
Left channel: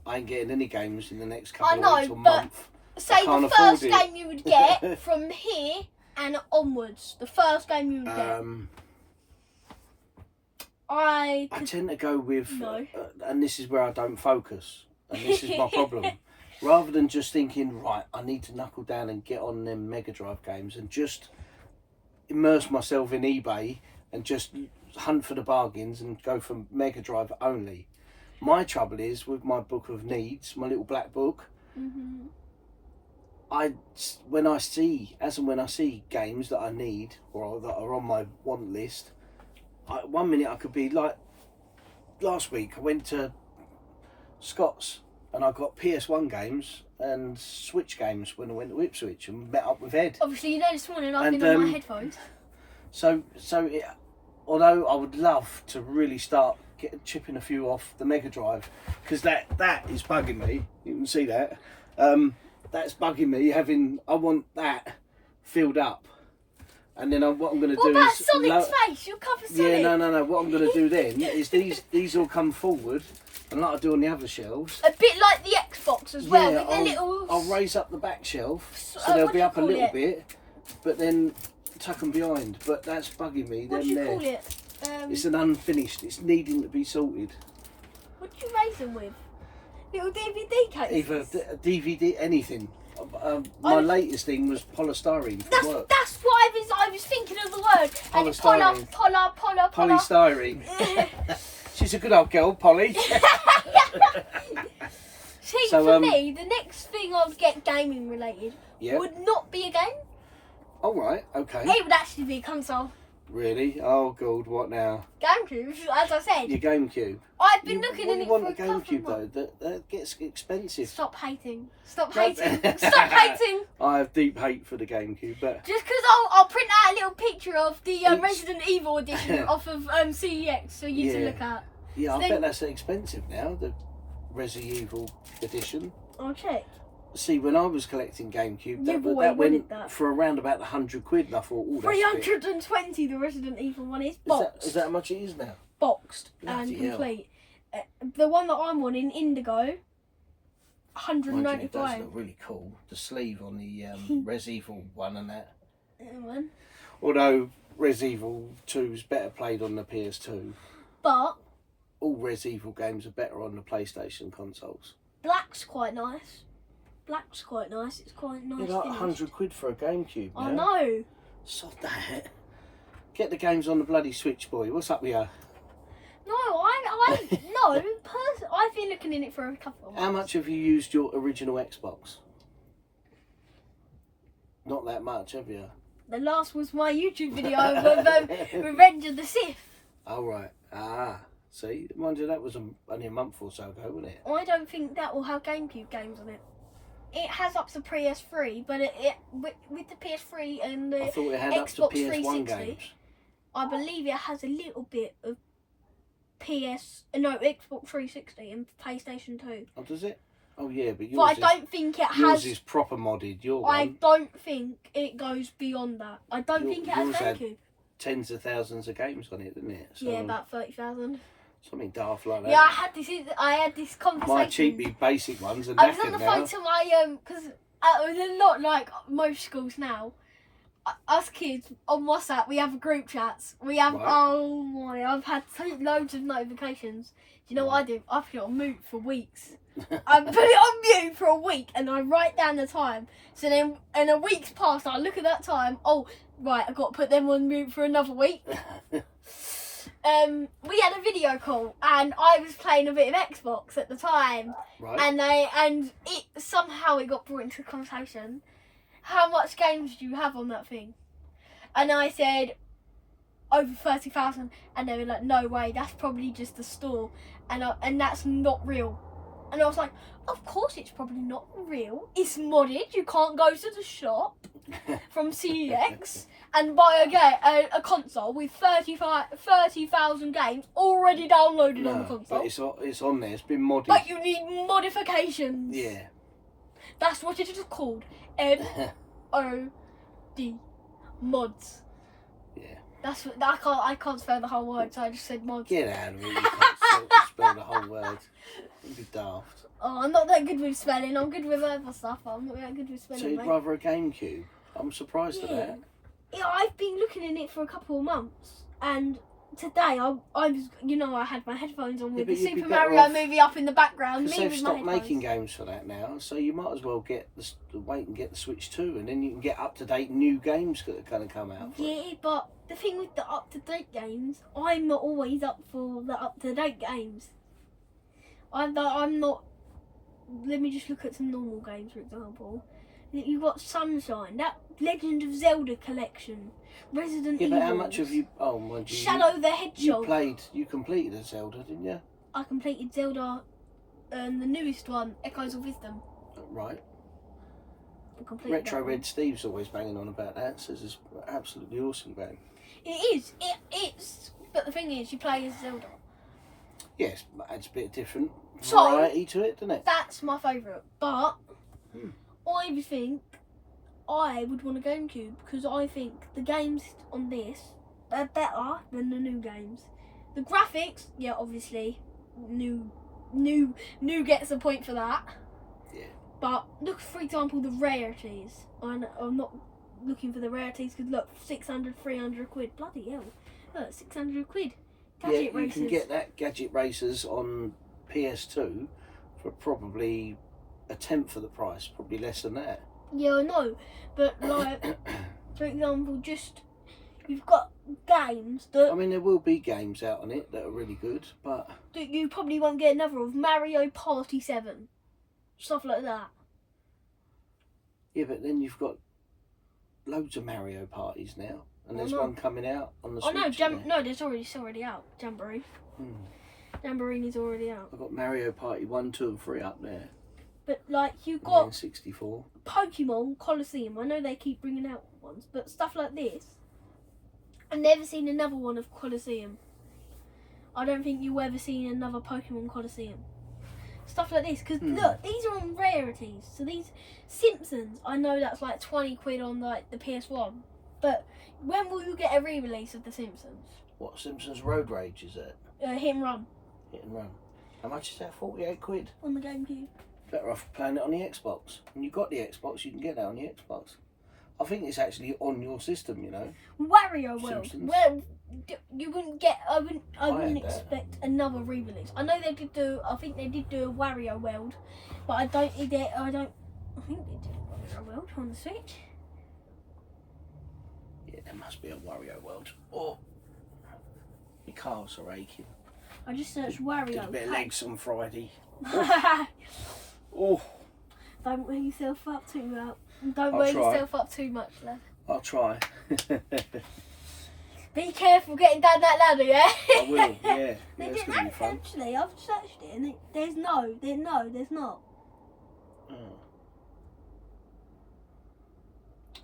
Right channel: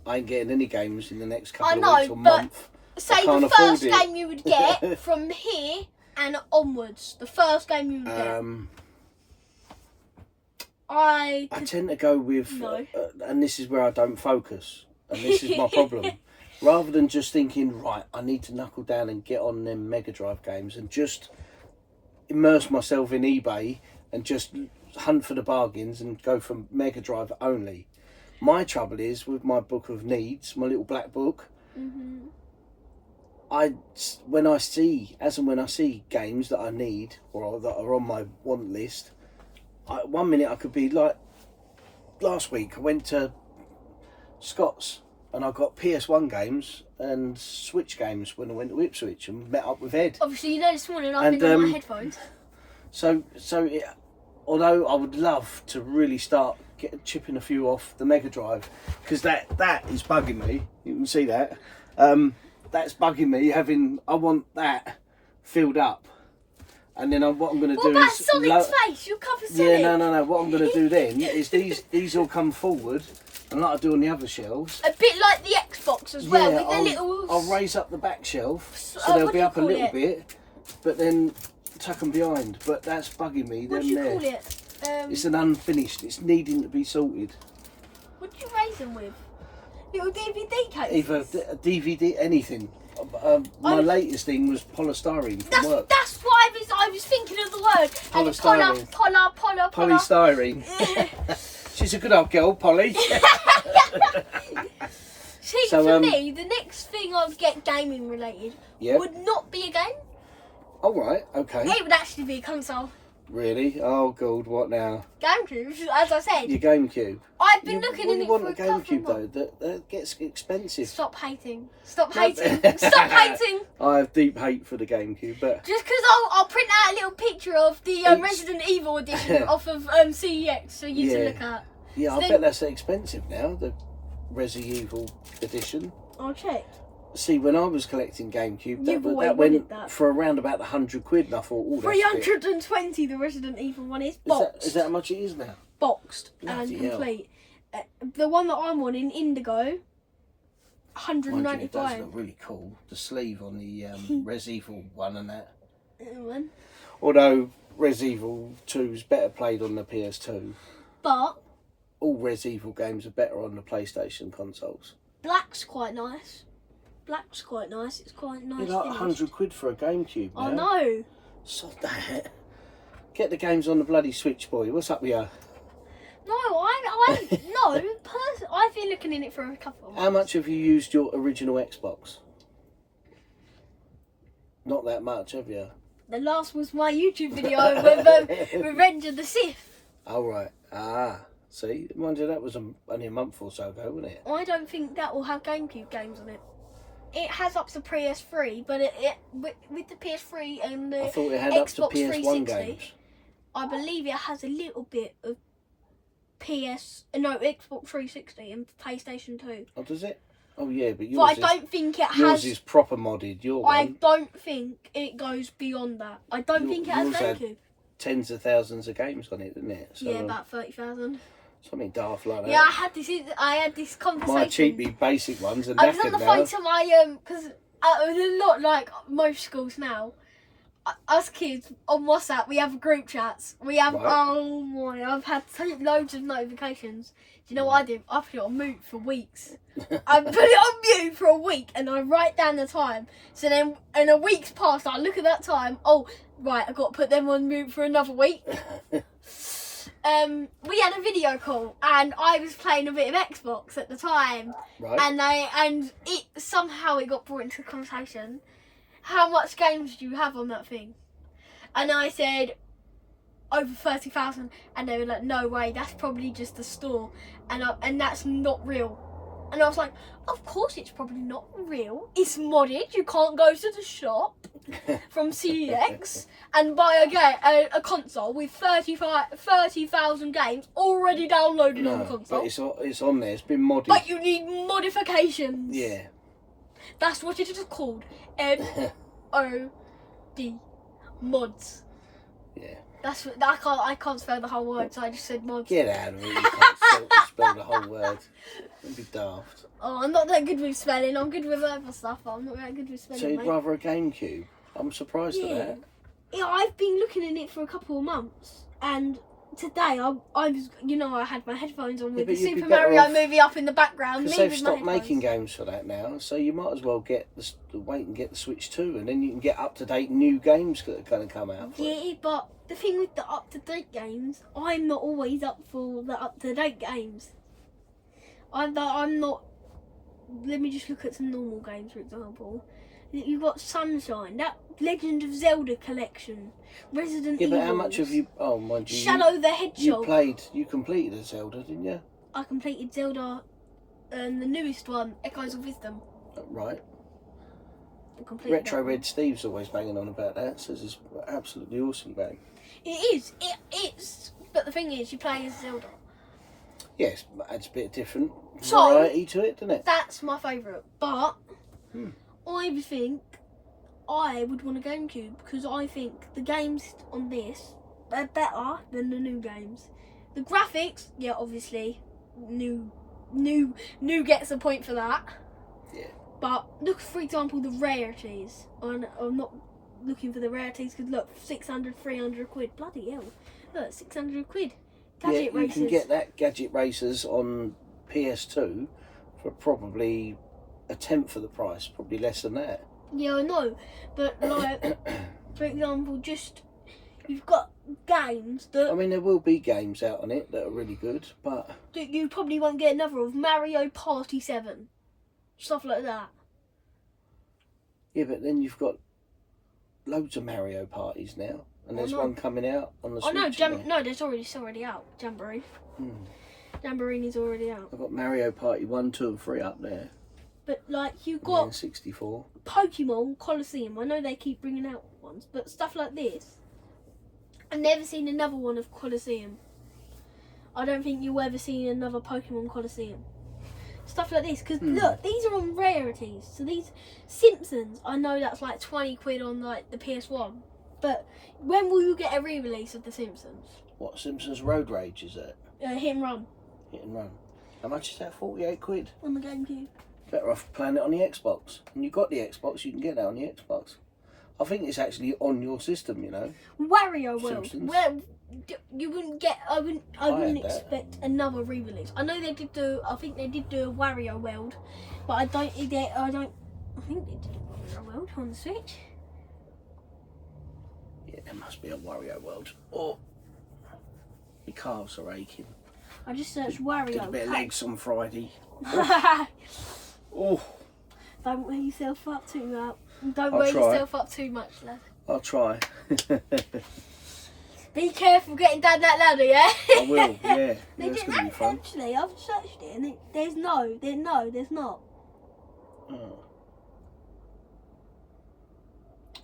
I ain't getting any games in the next couple of weeks or month. Say the first game you would get from here and onwards. The first game you would get. I tend to go with, and this is where I don't focus. And this is my problem. Rather than just thinking, right, I need to knuckle down and get on them Mega Drive games and just immerse myself in eBay and just hunt for the bargains and go from Mega Drive only. My trouble is with my book of needs, my little black book. Mm-hmm. When I see games that I need or that are on my want list, 1 minute I could be like, last week I went to Scott's and I got PS1 games and Switch games when I went to Ipswich and met up with Ed. Obviously, you know, this morning I've been on my headphones. Although I would love to really start chipping a few off the Mega Drive, because that is bugging me. You can see that. That's bugging me. I want that filled up. And then what I'm going to do about is... Sonic's face? You'll cover Sonic. Yeah, no. What I'm going to do then is these all come forward, and like I do on the other shelves. A bit like the Xbox as well, with the little... I'll raise up the back shelf, so they'll be up a little bit, but then tuck them behind. But that's bugging me. What do you call it? It's an unfinished. It's needing to be sorted. What do you raise them with? Little DVD cases? Either a DVD, anything. My latest thing was polystyrene for work. That's what I was thinking of the word. Polystyrene. Polystyrene. She's a good old girl, Polly. See, for me, the next thing I'd get gaming related would not be a game. All right, okay. It would actually be a console. Really? Oh, God, what now? GameCube, as I said. Your GameCube? I've been looking in it for a couple of GameCube, months. though? That gets expensive. Stop hating. Stop hating. Stop hating. I have deep hate for the GameCube, but... Just because I'll print out a little picture of the Resident Evil edition off of CEX for you to look at. Yeah, so I bet that's expensive now, the Resident Evil edition. I'll check. See, when I was collecting GameCube, that went for around about £100, and I thought, oh, that's 320 the Resident Evil one is boxed. Is that how much it is now? Boxed and complete. The one that I'm on in Indigo, 195. It does look really cool. The sleeve on the Res Evil one and that. Although Res Evil 2 is better played on the PS2. But all Res Evil games are better on the PlayStation consoles. Black's quite nice. Black's quite nice. It's quite nice. You're like £100 for a GameCube now. I know. Sod that. Get the games on the bloody Switch, boy. What's up with you? No, I've been looking in it for a couple of months. How much have you used your original Xbox? Not that much, have you? The last was my YouTube video with Revenge of the Sith. Oh, right. Ah. See, mind you, that was only a month or so ago, wasn't it? I don't think that will have GameCube games on it. It has up to PS3, but with the PS3 and the Xbox 360, games. I believe it has a little bit of Xbox 360 and PlayStation 2. Oh, does it? Oh, yeah, but yours I don't think it has... Yours is proper modded, I don't think it goes beyond that. I don't think it has GameCube. Tens of thousands of games on it, didn't it? So, yeah, about 30,000. Something daft like that. Yeah, I had this conversation. My cheapy basic ones are I was on the phone to my because it was a lot like most schools now. Us kids on WhatsApp, we have group chats. We have oh my, I've had loads of notifications. Do you know what I do? I put it on mute for weeks. I put it on mute for a week, and I write down the time. So then, in a week's past, I look at that time. Oh, right, I've got to put them on mute for another week. We had a video call, and I was playing a bit of Xbox at the time, and it somehow got brought into the conversation. How much games do you have on that thing? And I said over 30,000, and they were like, "No way, that's probably just the store, and that's not real." And I was like, "Of course, it's probably not real. It's modded. You can't go to the shop from CEX and buy a console with 30,000 games already downloaded on the console. But it's on there. It's been modded. But you need modifications. Yeah. That's what it is called. MOD mods. Yeah. That's what I can't spell the whole word, so I just said mods. Get out of here! You can't spell the whole word. It'd be daft. Oh, I'm not that good with spelling. I'm good with other stuff, but I'm not that good with spelling. So you'd rather a GameCube? I'm surprised at that. Yeah, I've been looking in it for a couple of months, and today I was, I had my headphones on with the Super Mario movie up in the background. Because they've stopped making games for that now, so you might as well wait and get the Switch 2, and then you can get up-to-date new games that are going to come out. Yeah, but the thing with the up-to-date games, I'm not always up for the up-to-date games. I'm not. Let me just look at some normal games, for example. You've got Sunshine, that Legend of Zelda collection, Resident Evil. Yeah, but how much have you? Oh my God! Shadow the Hedgehog. You completed a Zelda, didn't you? I completed Zelda, the newest one, Echoes of Wisdom. Right. Retro Red Steve's always banging on about that. Says it's an absolutely awesome game. It is. It's. But the thing is, you play as Zelda. Yes, it's a bit different variety to it, doesn't it? That's my favourite, but I think I would want a GameCube because I think the games on this are better than the new games. The graphics, yeah, obviously, new gets a point for that. Yeah. But look, for example, the rarities. I'm not looking for the rarities because look, 600, 300 quid. Bloody hell! Look, 600 quid. Gadget Racers. You can get that Gadget Racers on PS2 for probably a tenth of the price, probably less than that. Yeah, I know, but like, for example, just you've got games that. I mean, there will be games out on it that are really good, but that you probably won't get another of. Mario Party 7, stuff like that. Yeah, but then you've got loads of Mario parties now, and there's one coming out on the Switch. No, it's already out. Jamboree. Jamboree is already out. I've got Mario Party 1, 2 and 3 up there. But like you've got 64. Pokemon Colosseum. I know they keep bringing out ones, but stuff like this, I've never seen another one of Colosseum. I don't think you'll ever see another Pokemon Colosseum. Stuff like this, because look, these are on rarities. So these Simpsons, I know that's like 20 quid on like the PS1, but when will you get a re-release of the Simpsons? What Simpsons Road Rage is it? Hit and Run. Hit and Run. How much is that? 48 quid. On the GameCube. Better off playing it on the Xbox. When you've got the Xbox, you can get that on the Xbox. I think it's actually on your system, you know. Wario World. Simpsons. Well, you wouldn't get. I wouldn't expect another re-release. I know they did do. I think they did do a Wario World, but I think they did a Wario World on the Switch. Yeah, there must be a Wario World. Oh, my calves are aching. I just searched Wario. Did a bit of legs on Friday. Oh. Don't wear yourself up too much. Don't wear yourself up too much, lad. I'll try. Be careful getting down that ladder, yeah? I will, yeah. That's going to be fun. Actually, I've searched it and there's not. Oh.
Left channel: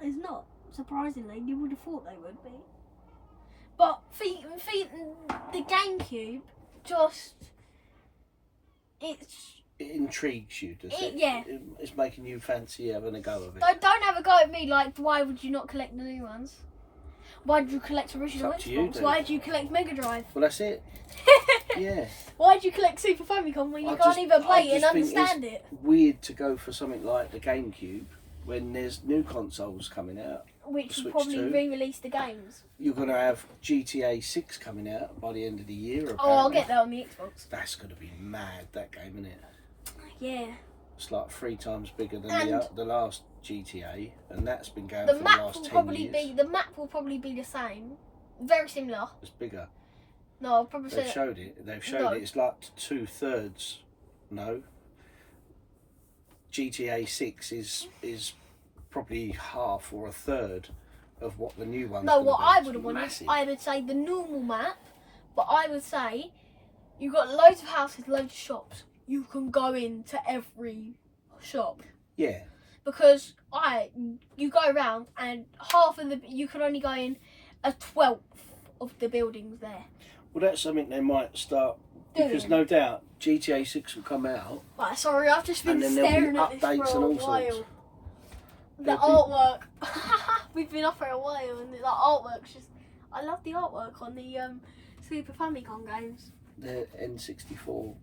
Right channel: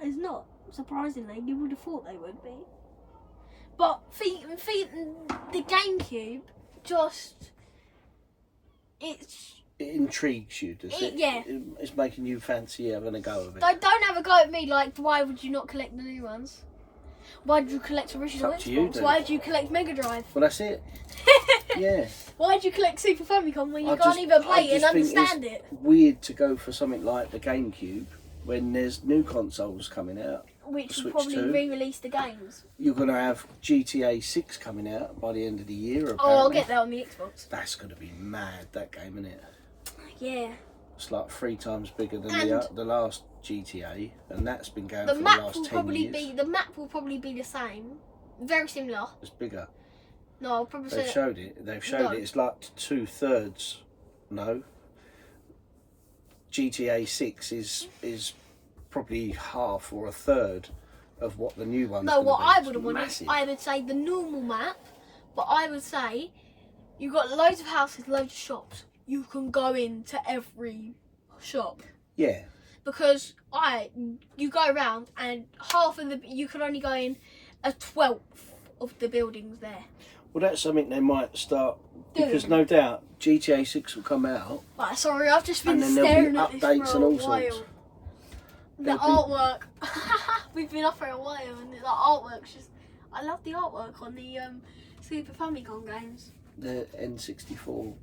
There's not. Surprisingly, you would have thought they would be. But the GameCube it intrigues you, does it? Yeah. It's making you fancy having a go of it. Don't have a go at me like, why would you not collect the new ones? Why did you collect original Xbox? Why did you collect Mega Drive? Well, that's it. Yeah. Why did you collect Super Famicom when you can't even play it and understand it? Weird to go for something like the GameCube when there's new consoles coming out. Which will probably re-release the games. You're going to have GTA 6 coming out by the end of the year. Apparently. Oh, I'll get that on the Xbox. That's going to be mad, that game, isn't it? Yeah. It's like 3 times bigger than the last GTA, and that's been going for the last 10 years. The map will probably be the same. Very similar. It's bigger. No, I'll probably say They've showed it. It's like 2/3. No. GTA 6 is probably half or a third of what the new one's. No, what be. I would have wanted, I would say the normal map, but I would say you've got loads of houses, loads of shops. You can go into every shop. Yeah. Because you go around and you can only go in a 12th of the buildings there. Well, that's something they might start because no doubt GTA 6 will come out. Right, sorry, I've just been and then staring there'll be at updates this for and a all while. sorts. The artwork. We've been up for a while and the artwork's just... I love the artwork on the Super Famicom games. The N64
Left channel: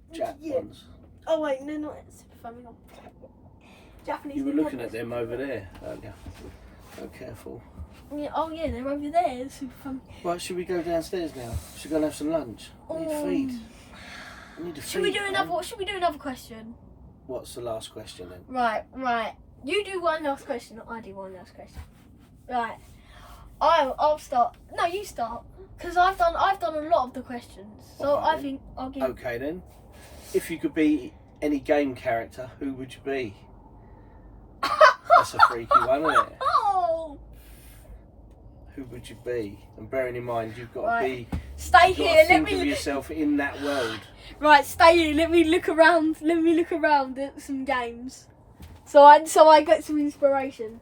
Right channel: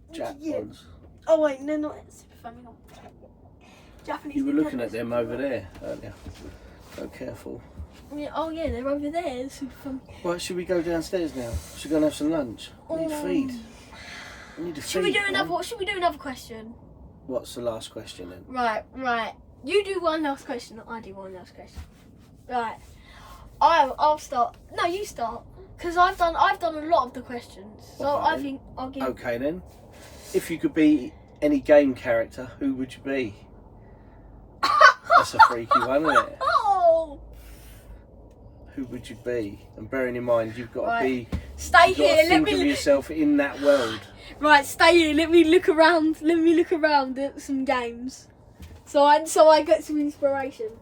ones. Oh wait, they're not Super Famicom. Japanese. You were looking at them over there, aren't you? So careful. Yeah, oh yeah, they're over there. Super Famicom. Right, should we go downstairs now? Should we go and have some lunch? I need feed. I need to feed. Should we do another question? What's the last question then? Right. You do one last question, I do one last question. Right. I'll start. No, you start. Because I've done a lot of the questions. So I think I'll give... Okay then. If you could be any game character, who would you be? That's a freaky one, isn't it? Oh! Who would you be? And bearing in mind, you've got to be... Stay here. Think of yourself in that world. Right, stay here. Let me look around at some games. So I get some inspiration.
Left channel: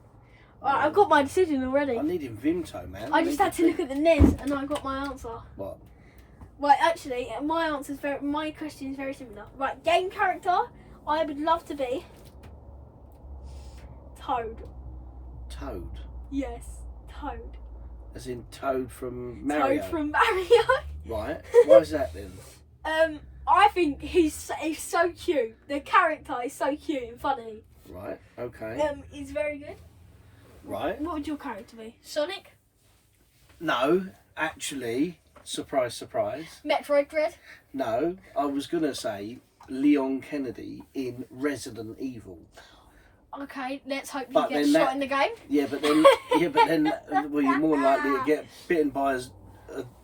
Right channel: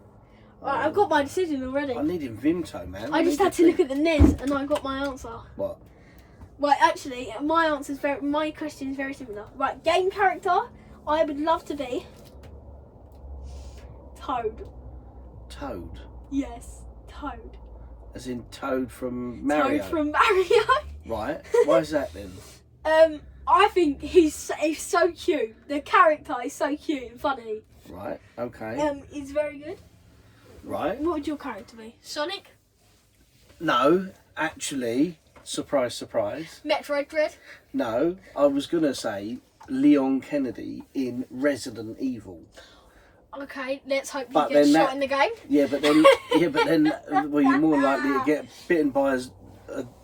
Right, I've got my decision already. I need Vimto, man. I just had to look at the NES and I got my answer. What? Right, actually, my question is very similar. Right, game character, I would love to be Toad. Toad? Yes, Toad. As in Toad from Mario? Toad from Mario. Right. Why is that then? I think he's so cute. The character is so cute and funny. Right, okay. He's very good. Right. What would your character be? Sonic? No, actually, surprise, surprise. Metroid Dread? No, I was going to say Leon Kennedy in Resident Evil. Okay, let's hope But you get then shot in the game. Yeah, but then, well, you're more likely to get bitten by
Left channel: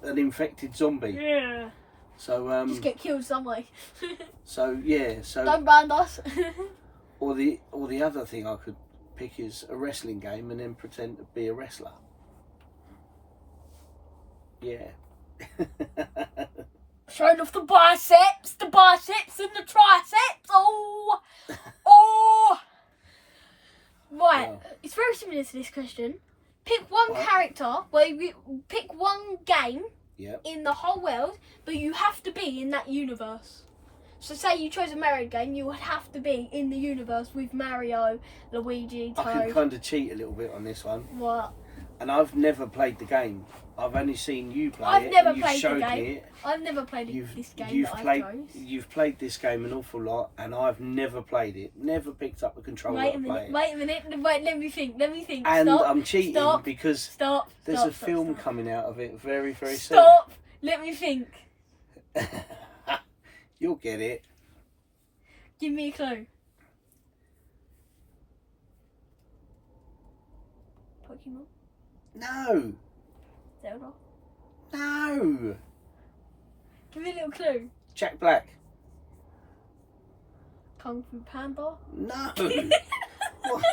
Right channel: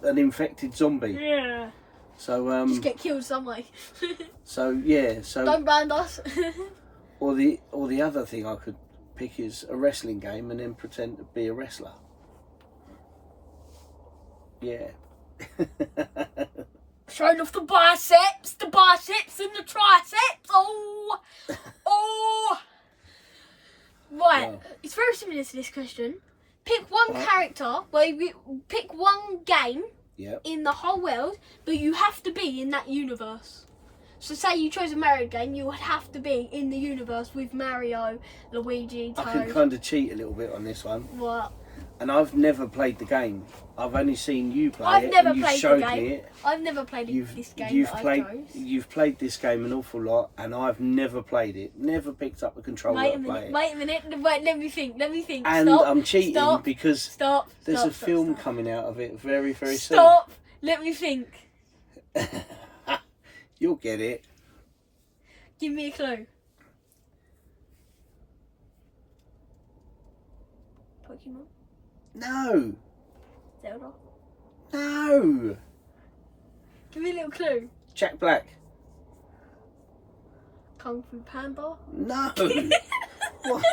an infected zombie. Yeah. So just get killed some way. So don't ban us. or the other thing I could pick is a wrestling game and then pretend to be a wrestler. Yeah. Showing off the biceps and the triceps. Oh. Right, Yeah. It's very similar to this question. Pick one character, pick one game in the whole world, but you have to be in that universe. So say you chose a Mario game, you would have to be in the universe with Mario, Luigi, Toad. I can kind of cheat a little bit on this one. What? And I've never played the game. I've only seen you play I've it. never and you've played showed the game. me it. I've never played this game You've that played. I chose. You've played this game an awful lot, and I've never played it. Never picked up a controller Wait a to play minute. it. Wait a minute. Wait. Let me think. And Stop. I'm cheating Stop. because there's Stop. a film coming out of it very, very Stop. Let me think. soon. You'll get it. Give me a clue. Pokemon? No. Zelda? No. Give me a little clue. Jack Black. Kung Fu Panda? No. What?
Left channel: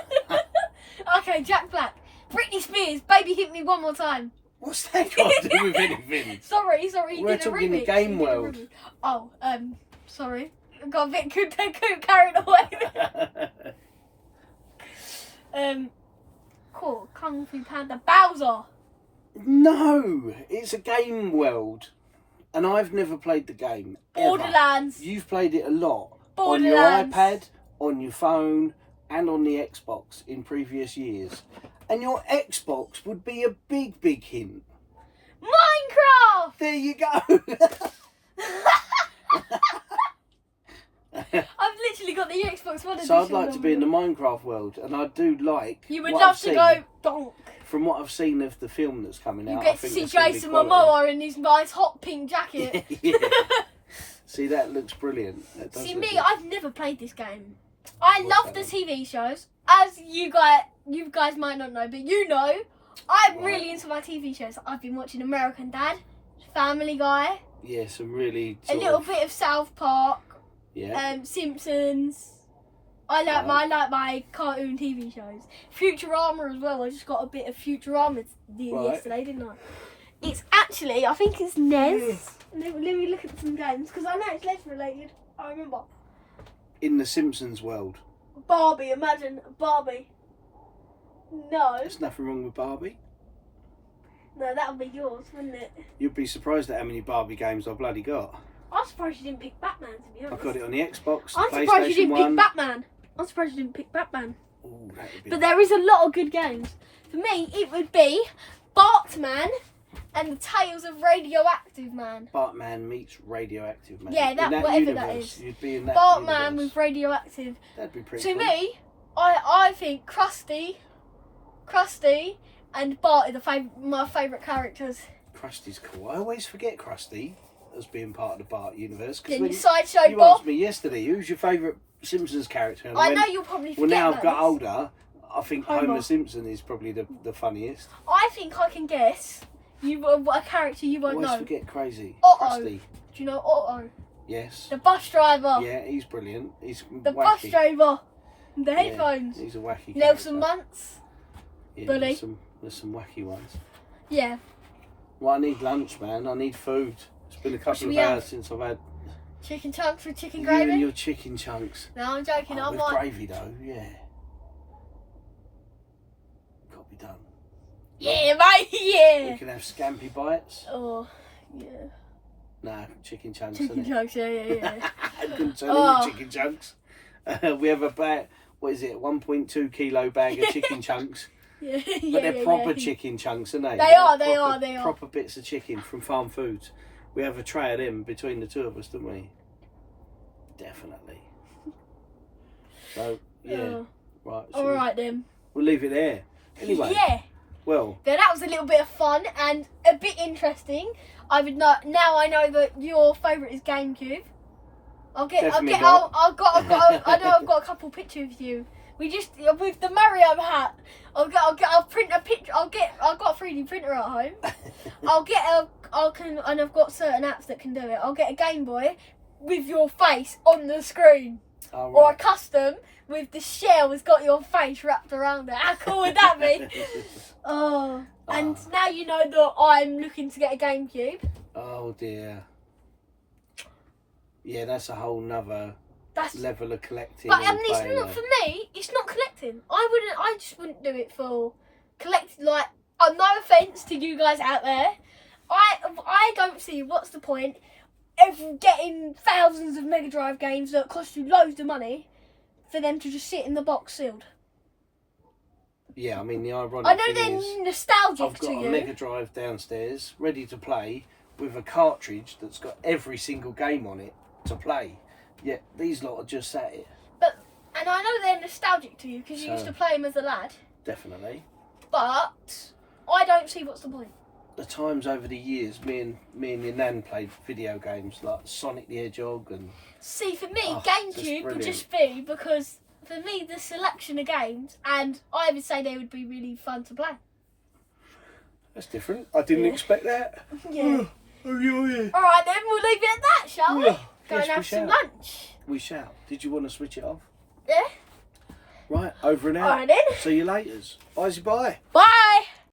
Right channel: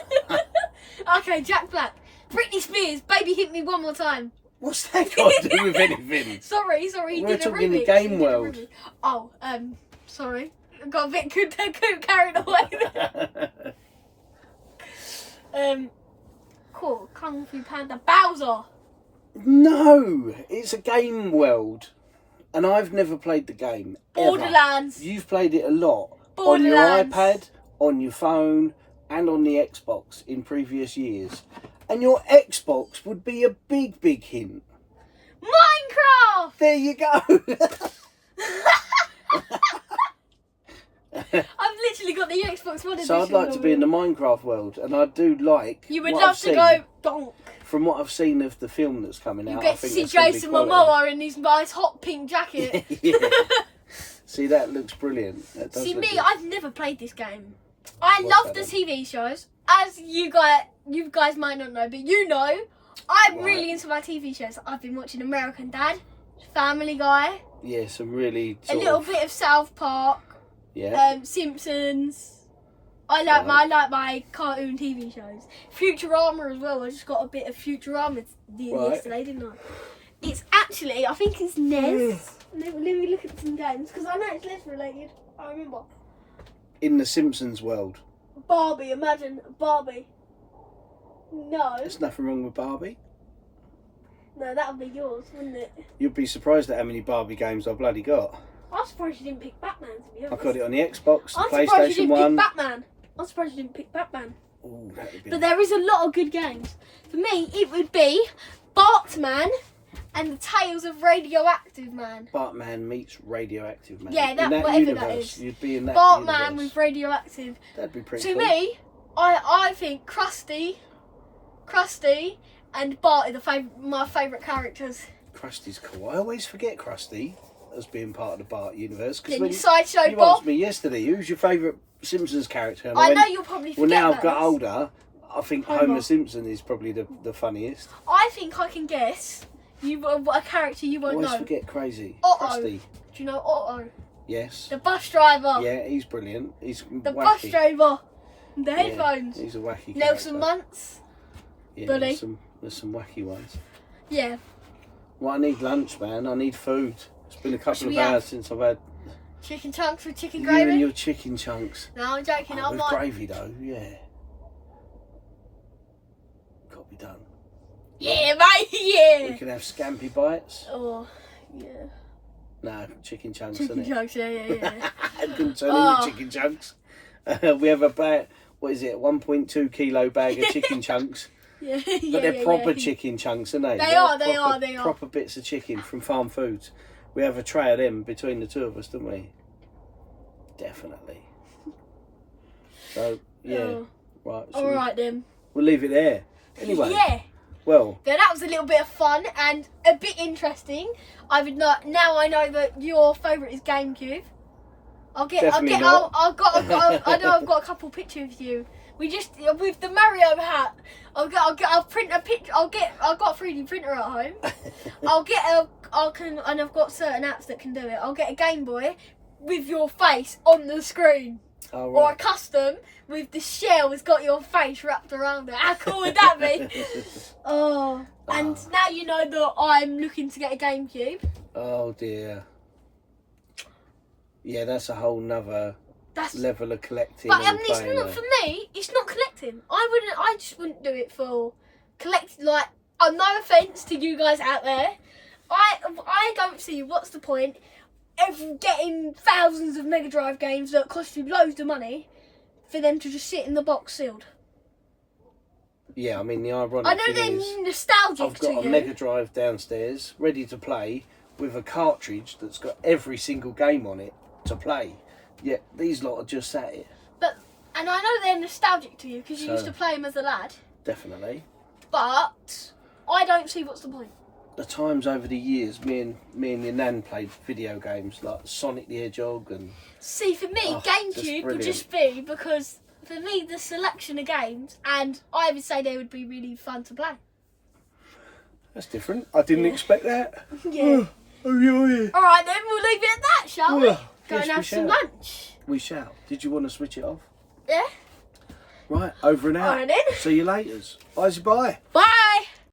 Okay, Jack Black. Britney Spears, Baby Hit Me One More Time. What's that got to do with anything? Sorry. He We're did a talking remix. the game He did a world. remix. Oh, sorry. I got a bit carried away there. Cool. Kung Fu Panda. Bowser. No, it's a game world, and I've never played the game. Borderlands. Ever. You've played it a lot Borderlands. on your iPad, on your phone, and on the Xbox in previous years. And your Xbox would be a big, big hint. Minecraft. There you go. I've literally got the Xbox One edition. So I'd like to be in the Minecraft world, and I do like. You would what love I've to seen. go donk. From what I've seen of the film that's coming out, You I get to think see it's gonna be Jason quality. Momoa in his nice hot pink jacket. Yeah. See, that looks brilliant. That does See look me, good. I've never played this game. I What's love that the TV shows. As you guys might not know, but you know, I'm really into my TV shows. I've been watching American Dad, Family Guy, Yeah, some really. a little bit of South Park, Yeah. Simpsons. I like my cartoon TV shows. Futurama as well. I just got a bit of Futurama yesterday, didn't I? It's actually, I think it's NES. Let me look at some games because I know it's NES related. I remember. In the Simpsons world. Barbie, imagine Barbie. No. There's nothing wrong with Barbie. No, that would be yours, wouldn't it? You'd be surprised at how many Barbie games I bloody got. I'm surprised you didn't pick Batman, to be I honest. got it on the Xbox, the I'm surprised you PlayStation didn't 1. pick Batman. I'm surprised you didn't pick Batman. Ooh, that would be. But there is a lot of good games. For me, it would be Bartman and the Tales of Radioactive Man. Bartman meets Radioactive Man. Yeah, In that whatever universe, that is. You'd be in that Bartman universe. with Radioactive. That'd be pretty To cool. me, I think Krusty and Bart are my favourite characters. Krusty's cool. I always forget Krusty as being part of the Bart universe. Then your Sideshow You Bob. asked me yesterday, who's your favourite Simpsons character? And I went, know you'll probably Well, forget now I've about got this. older, I think Homer Simpson is probably the funniest. I think I can guess a character you won't Always know. forget Crazy. Otto. Krusty. Do you know Otto? Yes. The bus driver. Yeah, he's brilliant. He's The wacky. bus driver. The Yeah, headphones. he's a wacky Nelson character. Muntz. Yeah, Bully. there's some wacky ones. Yeah. Well, I need lunch, man. I need food. It's been a couple should of we hours have? since I've had Chicken chunks with chicken you and gravy. your chicken chunks. No, I'm joking. Oh, I with might. gravy though, yeah. Got to be done. Yeah, mate. We Yeah. can have scampi bites. Oh, yeah. No, chicken chunks. Chicken innit? chunks. Yeah. I didn't turn Oh. into chicken chunks. We have a bag. What is it? 1.2 kilo bag of chicken chunks. Yeah, But they're proper chicken chunks, aren't they? They are. Proper bits of chicken from Farm Foods. We have a tray of them between the two of us, don't we? Definitely. So, yeah. Oh. Right. So Alright then. We'll leave it there. Anyway. Yeah. Well. Yeah, that was a little bit of fun and a bit interesting. I know that your favourite is GameCube. I've got a couple pictures of you. We just with the Mario hat. I'll print a picture. I've got a 3D printer at home. And I've got certain apps that can do it. I'll get a Game Boy with your face on the screen, Oh, right. or a custom with the shell has got your face wrapped around it. How cool would that be? And now you know that I'm looking to get a GameCube. Oh dear. Yeah, that's a whole nother level of collecting. But it's not for me. It's not collecting. I just wouldn't do it for collecting. Like, no offense to you guys out there, I don't see what's the point of getting thousands of Mega Drive games that cost you loads of money for them to just sit in the box sealed. Yeah, I mean the ironic I know thing they're is, nostalgic I've got to a you. Mega Drive downstairs, ready to play, with a cartridge that's got every single game on it to play. Yet these lot are just sat here. And I know they're nostalgic to you because you used to play them as a lad. Definitely. But I don't see what's the point. The times over the years, me and your nan played video games like Sonic the Hedgehog and. See, for me, GameCube would just be because for me the selection of games, and I would say they would be really fun to play. That's different. I didn't expect that. Yeah. Oh, yeah. All right, then we'll leave it at that, shall we? Go Yes, and have some lunch. We shall. Did you want to switch it off? Yeah. Right, over and out. All right then. See you later. Bye. Bye.